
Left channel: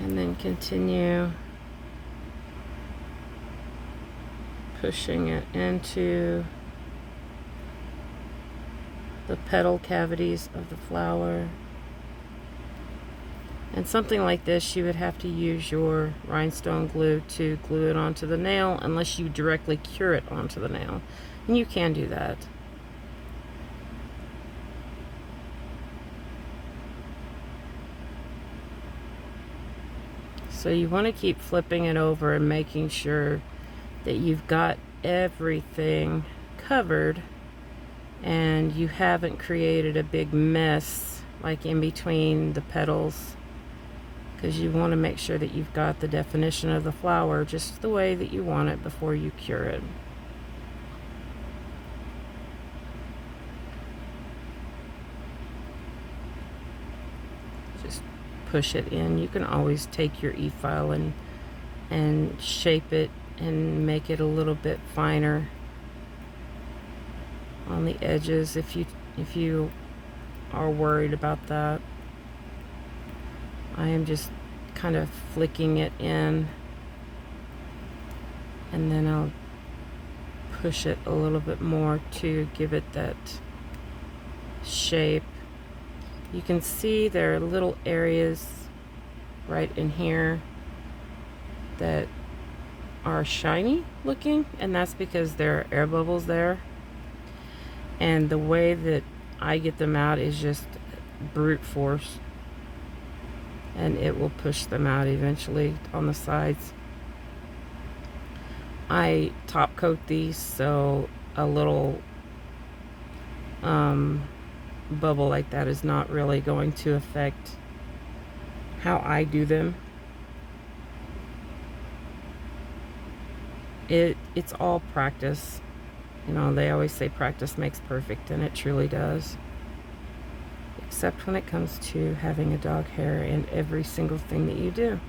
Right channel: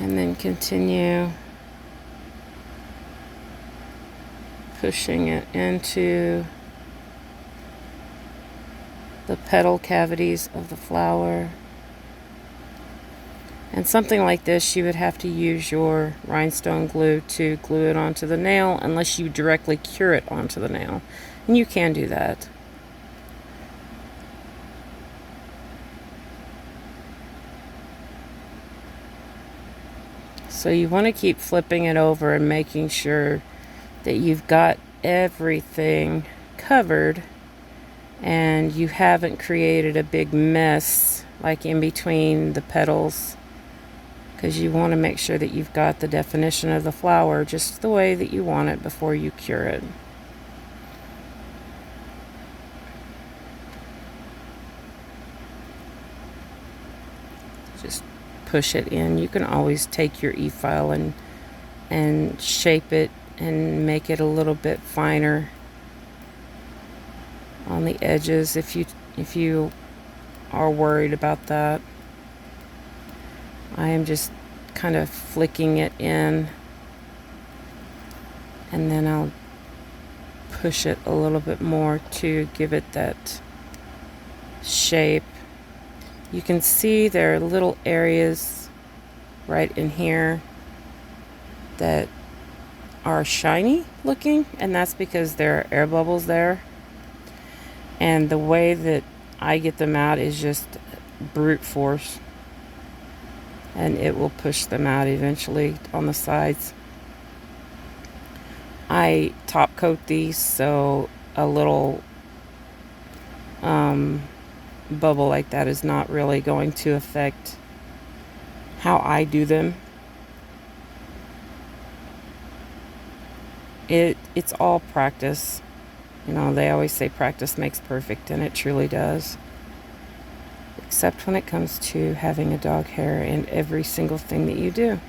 And then continue pushing it into the petal cavities of the flower. And something like this, you would have to use your rhinestone glue to glue it onto the nail, unless you directly cure it onto the nail. And you can do that. So you want to keep flipping it over and making sure that you've got everything covered and you haven't created a big mess like in between the petals, because you want to make sure that you've got the definition of the flower just the way that you want it before you cure it. Just push it in. You can always take your e-file and shape it and make it a little bit finer on the edges if you are worried about that. I am just kind of flicking it in, and then I'll push it a little bit more to give it that shape. You can see there are little areas right in here that are shiny looking, and that's because there are air bubbles there. And the way that I get them out is just brute force, and it will push them out eventually on the sides. I top coat these, so a little bubble like that is not really going to affect how I do them. It's all practice. They always say practice makes perfect, and it truly does. Except when it comes to having a dog hair in every single thing that you do.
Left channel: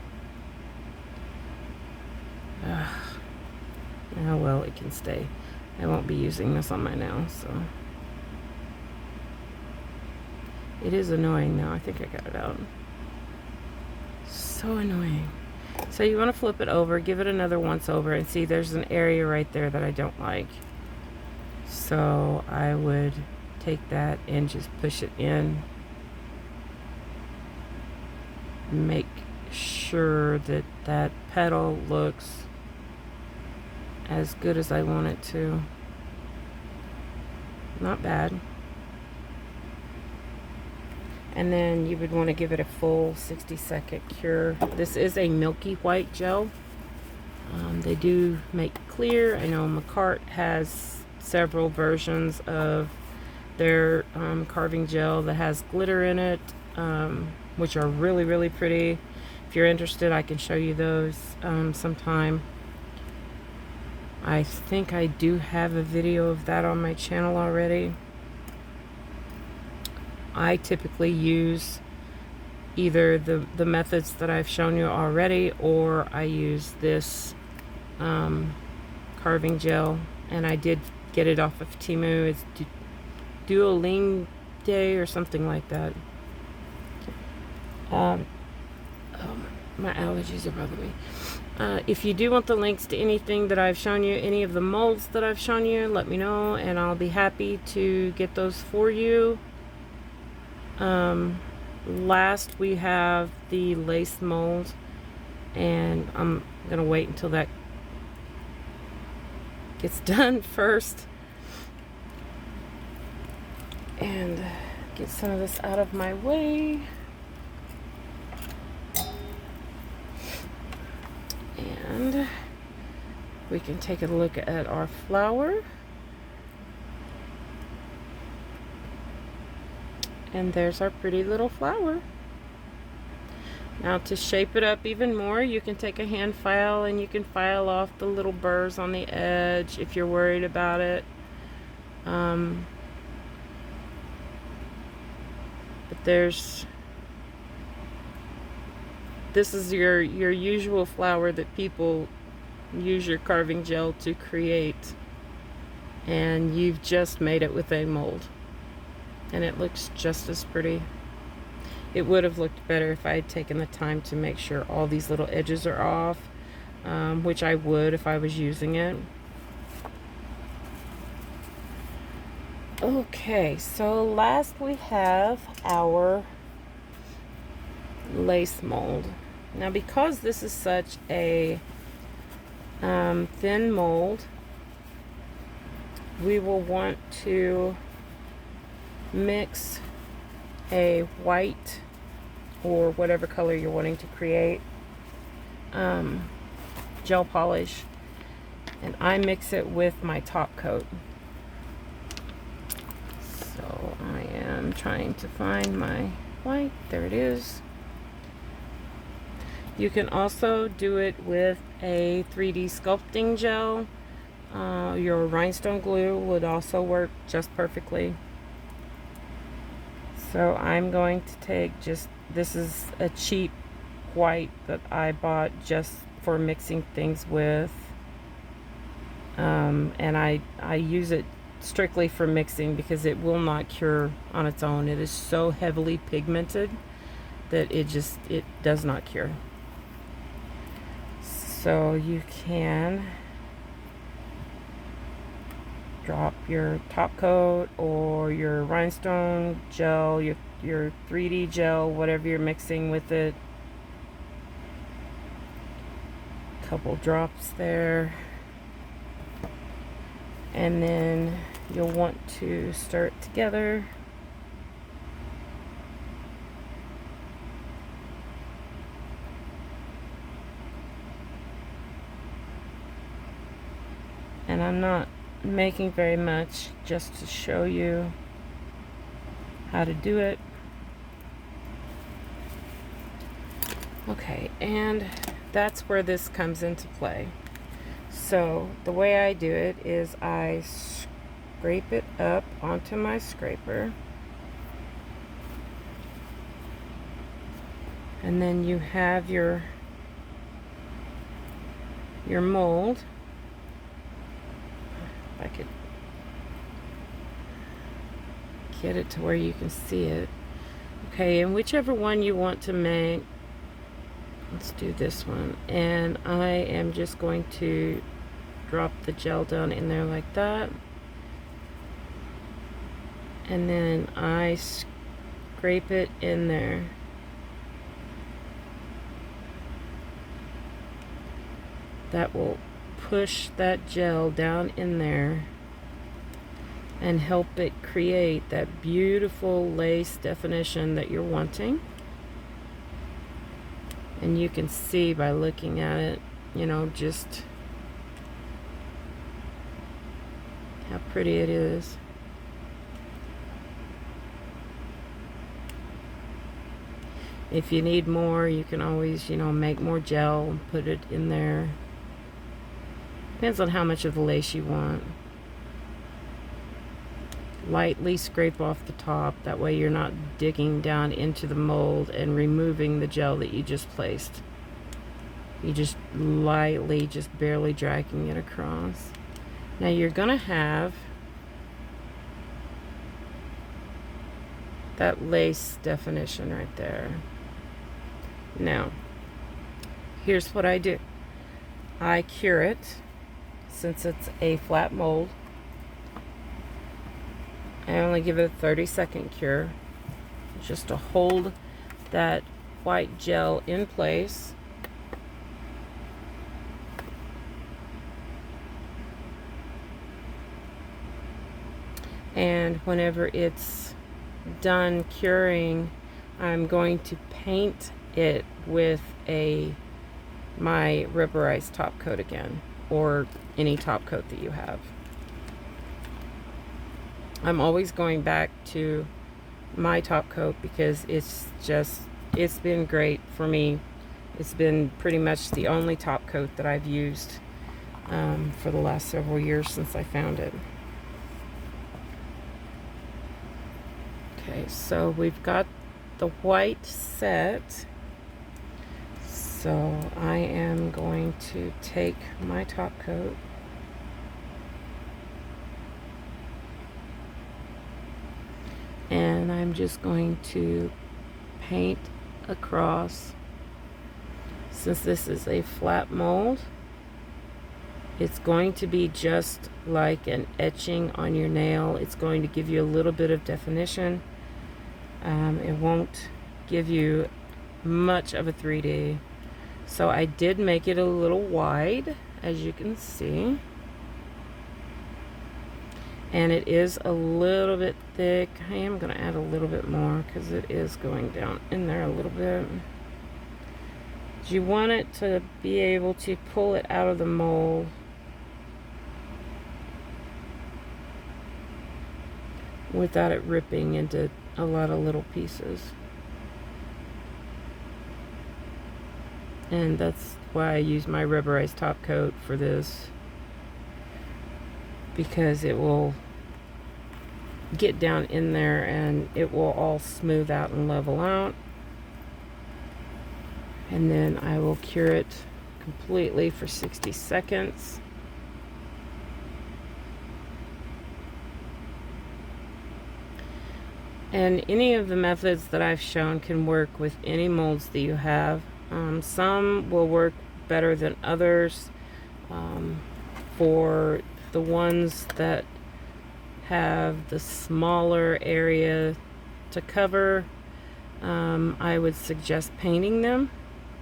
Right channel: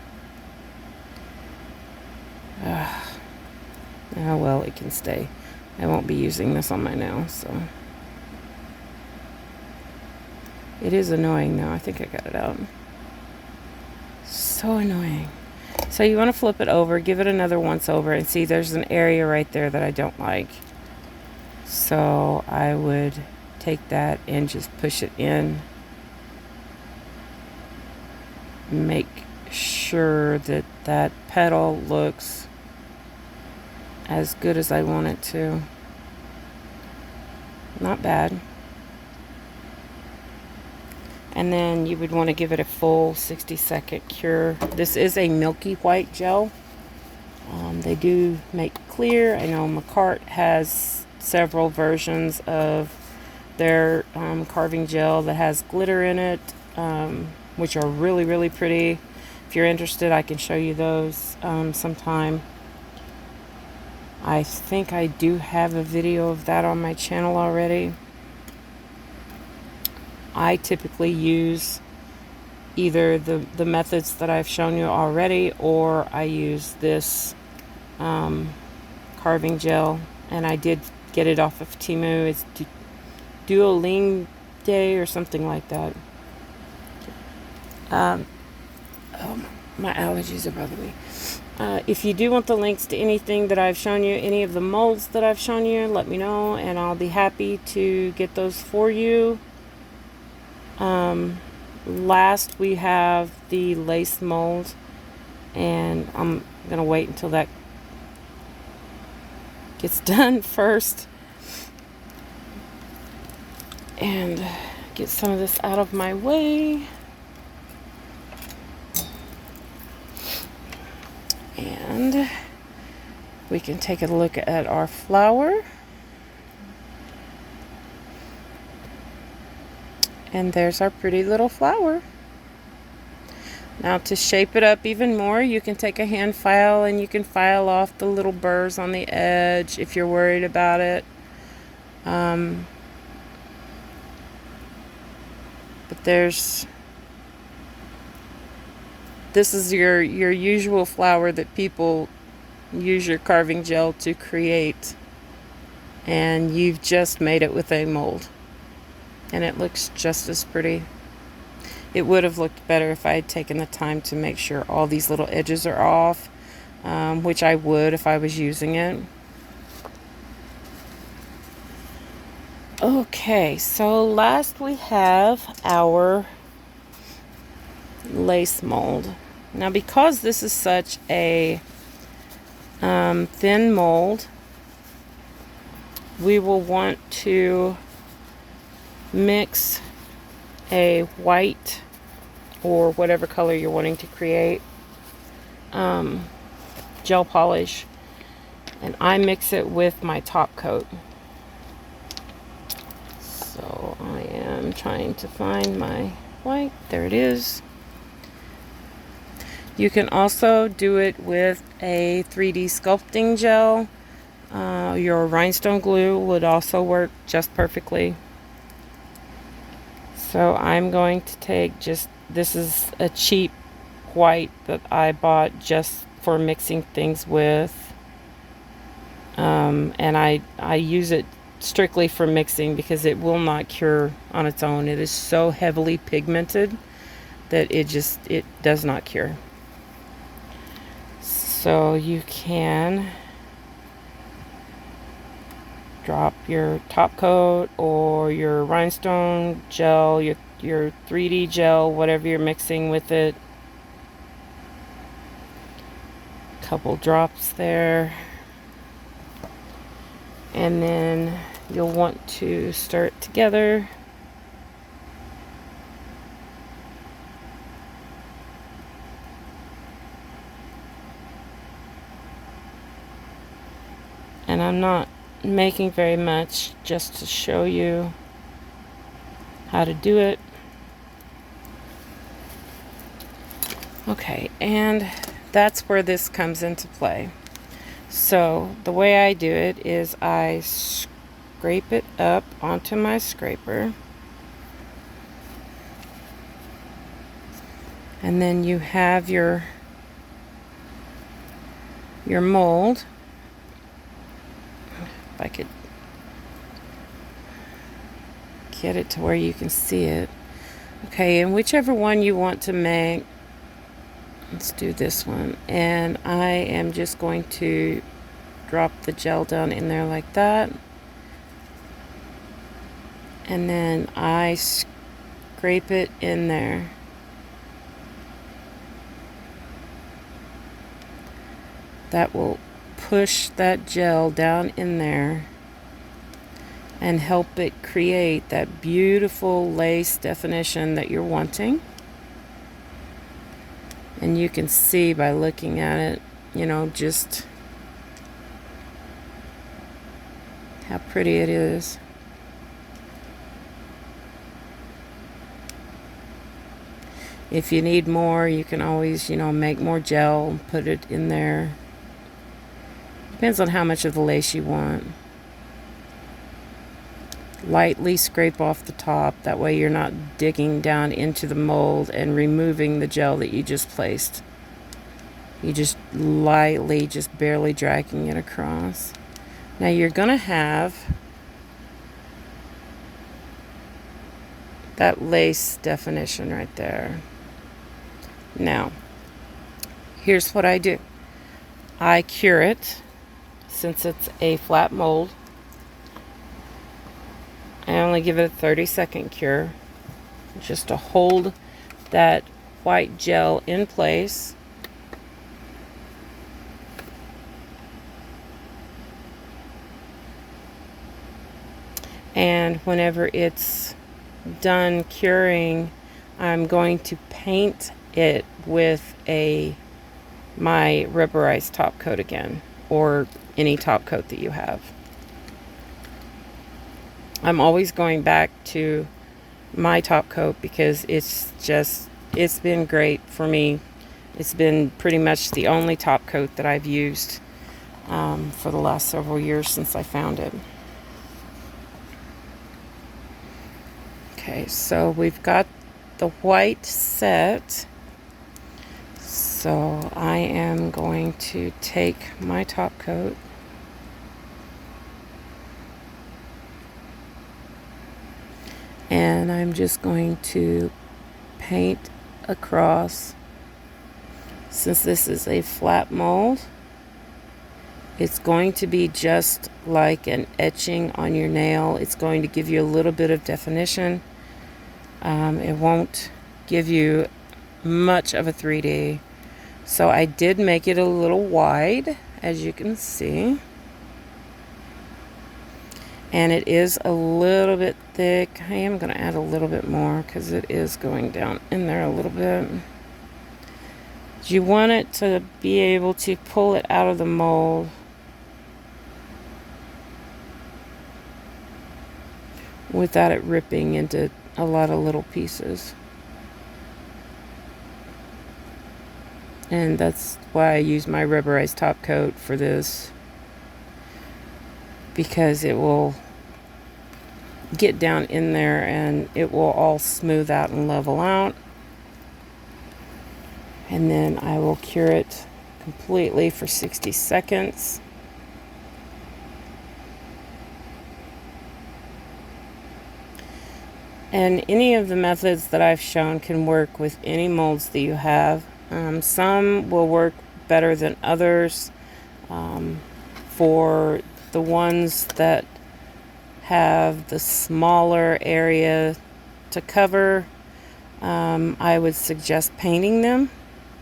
Oh well, it can stay. I won't be using this on my nail, so. It is annoying though. I think I got it out. So annoying. So you want to flip it over, give it another once over, and see there's an area right there that I don't like. So I would take that and just push it in. Make sure that that petal looks as good as I want it to. Not bad. And then you would want to give it a full 60-second cure. This is a milky white gel. They do make clear. I know Macart has several versions of their carving gel that has glitter in it, which are really, really pretty. If you're interested, I can show you those sometime. I think I do have a video of that on my channel already. I typically use either the methods that I've shown you already, or I use this carving gel, and I did get it off of Temu. It's Duoling Day or something like that. Oh, my allergies are bothering me. If you do want the links to anything that I've shown you, any of the molds that I've shown you, let me know, and I'll be happy to get those for you. Last we have the lace mold, and I'm gonna wait until that gets done first and get some of this out of my way. And we can take a look at our flower. And there's our pretty little flower. Now, to shape it up even more, you can take a hand file and you can file off the little burrs on the edge if you're worried about it. But this is your usual flower that people use your carving gel to create, and you've just made it with a mold, and it looks just as pretty. It would have looked better if I had taken the time to make sure all these little edges are off, which I would if I was using it. Okay, so last we have our lace mold. Now, because this is such a thin mold, we will want to mix a white or whatever color you're wanting to create gel polish, and I mix it with my top coat. So I am trying to find my white. There it is. You can also do it with a 3D sculpting gel. Your rhinestone glue would also work just perfectly. So I'm going to take this is a cheap white that I bought just for mixing things with. And I use it strictly for mixing because it will not cure on its own. It is so heavily pigmented that it does not cure. So you can drop your top coat or your rhinestone gel, your 3D gel, whatever you're mixing with it. Couple drops there. And then you'll want to stir it together. And I'm not making very much, just to show you how to do it. Okay, and that's where this comes into play. So the way I do it is I scrape it up onto my scraper, and then you have your mold. If I could get it to where you can see it. Okay, and whichever one you want to make, let's do this one. And I am just going to drop the gel down in there like that. And then I scrape it in there. That will push that gel down in there. and help it create that beautiful lace definition that you're wanting. And you can see by looking at it, you know, just how pretty it is. If you need more, you can always, you know, make more gel and put it in there. Depends on how much of the lace you want. Lightly scrape off the top. That way you're not digging down into the mold and removing the gel that you just placed. You just lightly, just barely dragging it across. Now you're going to have that lace definition right there. Now, here's what I do. I cure it, since it's a flat mold. I only give it a 30-second cure, just to hold that white gel in place. And whenever it's done curing, I'm going to paint it with my rubberized top coat again, or any top coat that you have. I'm always going back to my top coat because it's been great for me. It's been pretty much the only top coat that I've used for the last several years since I found it. Okay, so we've got the white set. So I am going to take my top coat and I'm just going to paint across. Since this is a flat mold, it's going to be just like an etching on your nail. It's going to give you a little bit of definition. It won't give you much of a 3D. So I did make it a little wide, as you can see. And it is a little bit thick. I am going to add a little bit more because it is going down in there a little bit. You want it to be able to pull it out of the mold without it ripping into a lot of little pieces. And that's why I use my rubberized top coat for this, because it will get down in there and it will all smooth out and level out. And then I will cure it completely for 60 seconds. And any of the methods that I've shown can work with any molds that you have. Some will work better than others. For the ones that have the smaller area to cover, I would suggest painting them.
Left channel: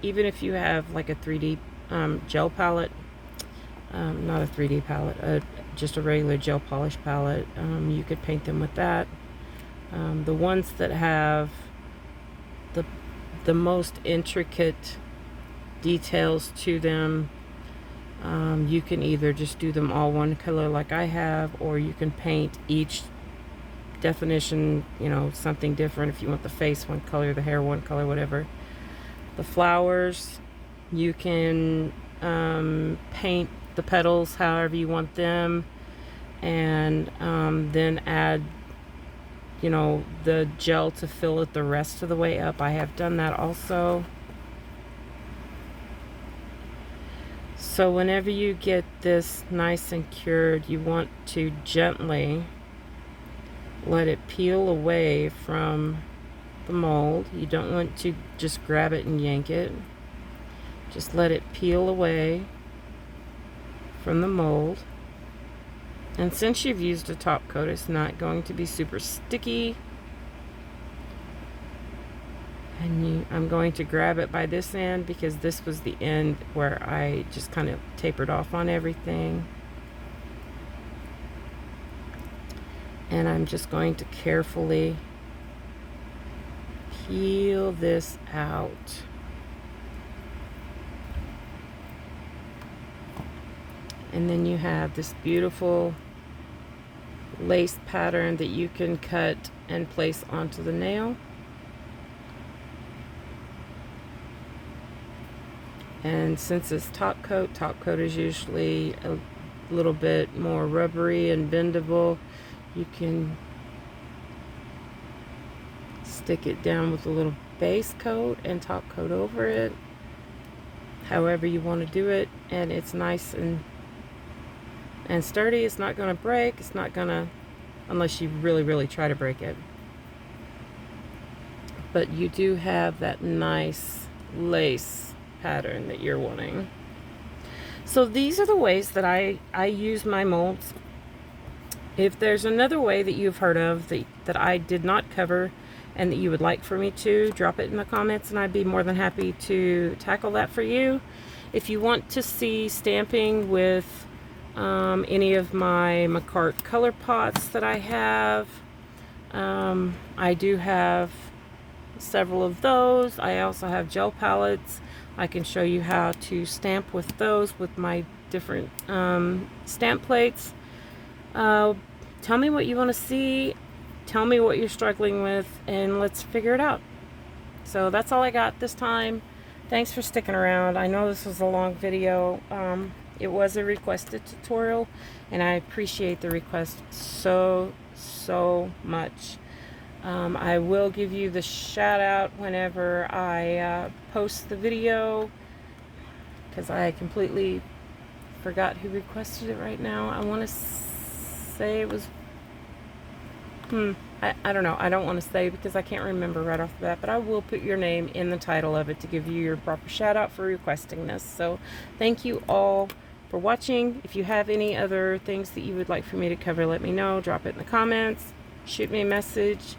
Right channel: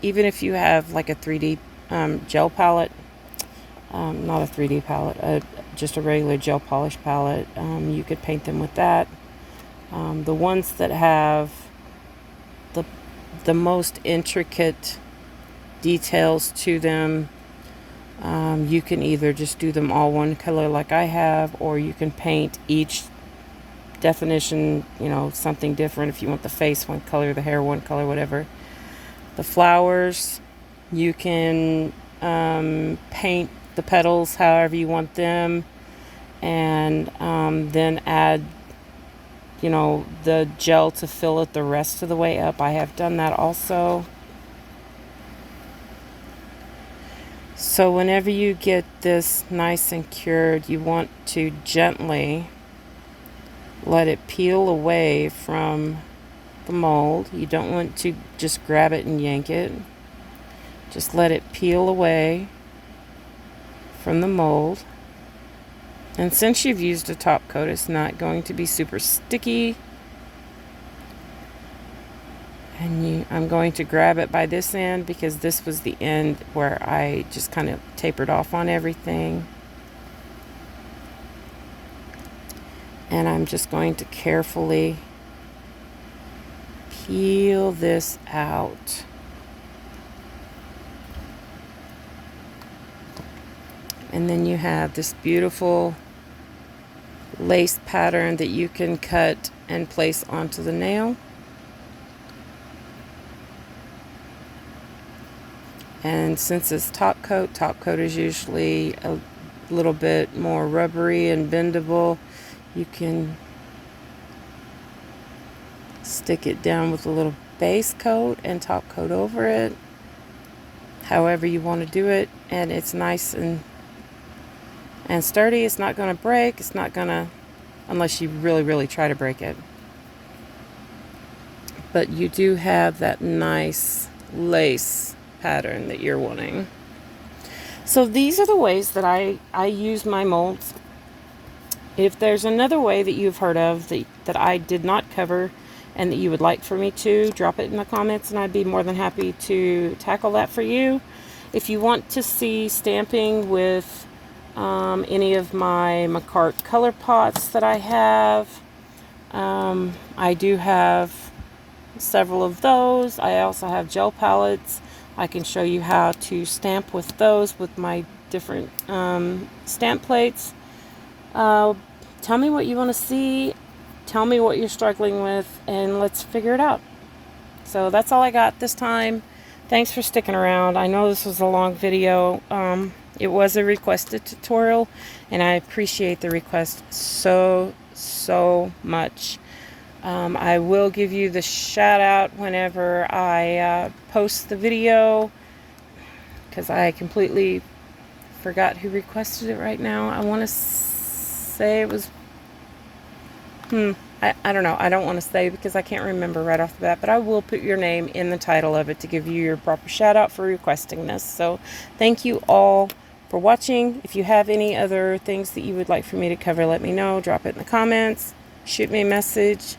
Even if you have like a 3D gel palette, not a 3D palette, just a regular gel polish palette, you could paint them with that. The ones that have the most intricate details to them, you can either just do them all one color like I have, or you can paint each definition, you know, something different. If you want the face one color, the hair one color, whatever. The flowers, you can paint the petals however you want them, and then add, you know, the gel to fill it the rest of the way up. I have done that also. So whenever you get this nice and cured, you want to gently let it peel away from the mold. You don't want to just grab it and yank it. Just let it peel away from the mold. And since you've used a top coat, it's not going to be super sticky. And I'm going to grab it by this end because this was the end where I just kind of tapered off on everything. And I'm just going to carefully peel this out. And then you have this beautiful lace pattern that you can cut and place onto the nail. And since it's top coat is usually a little bit more rubbery and bendable. You can stick it down with a little base coat and top coat over it, however you want to do it, and it's nice and sturdy. It's not going to break. It's not going to, unless you really try to break it. But you do have that nice lace pattern that you're wanting. So these are the ways that I use my molds. If there's another way that you've heard of that I did not cover and that you would like for me to, drop it in the comments and I'd be more than happy to tackle that for you. If you want to see stamping with any of my Macart color pots that I have, I do have several of those. I also have gel palettes. I can show you how to stamp with those with my different stamp plates. Tell me what you want to see. Tell me what you're struggling with, and let's figure it out. So that's all I got this time. Thanks for sticking around. I know this was a long video. It was a requested tutorial, and I appreciate the request so much. I will give you the shout out whenever I post the video, because I completely forgot who requested it right now. I want to say it was I don't know. I don't want to say because I can't remember right off the bat, but I will put your name in the title of it to give you your proper shout out for requesting this. So thank you all for watching. If you have any other things that you would like for me to cover, let me know. Drop it in the comments. Shoot me a message.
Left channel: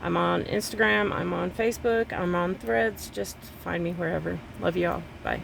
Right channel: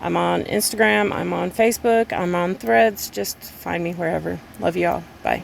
I'm on Instagram. I'm on Facebook. I'm on Threads. Just find me wherever. Love you all. Bye.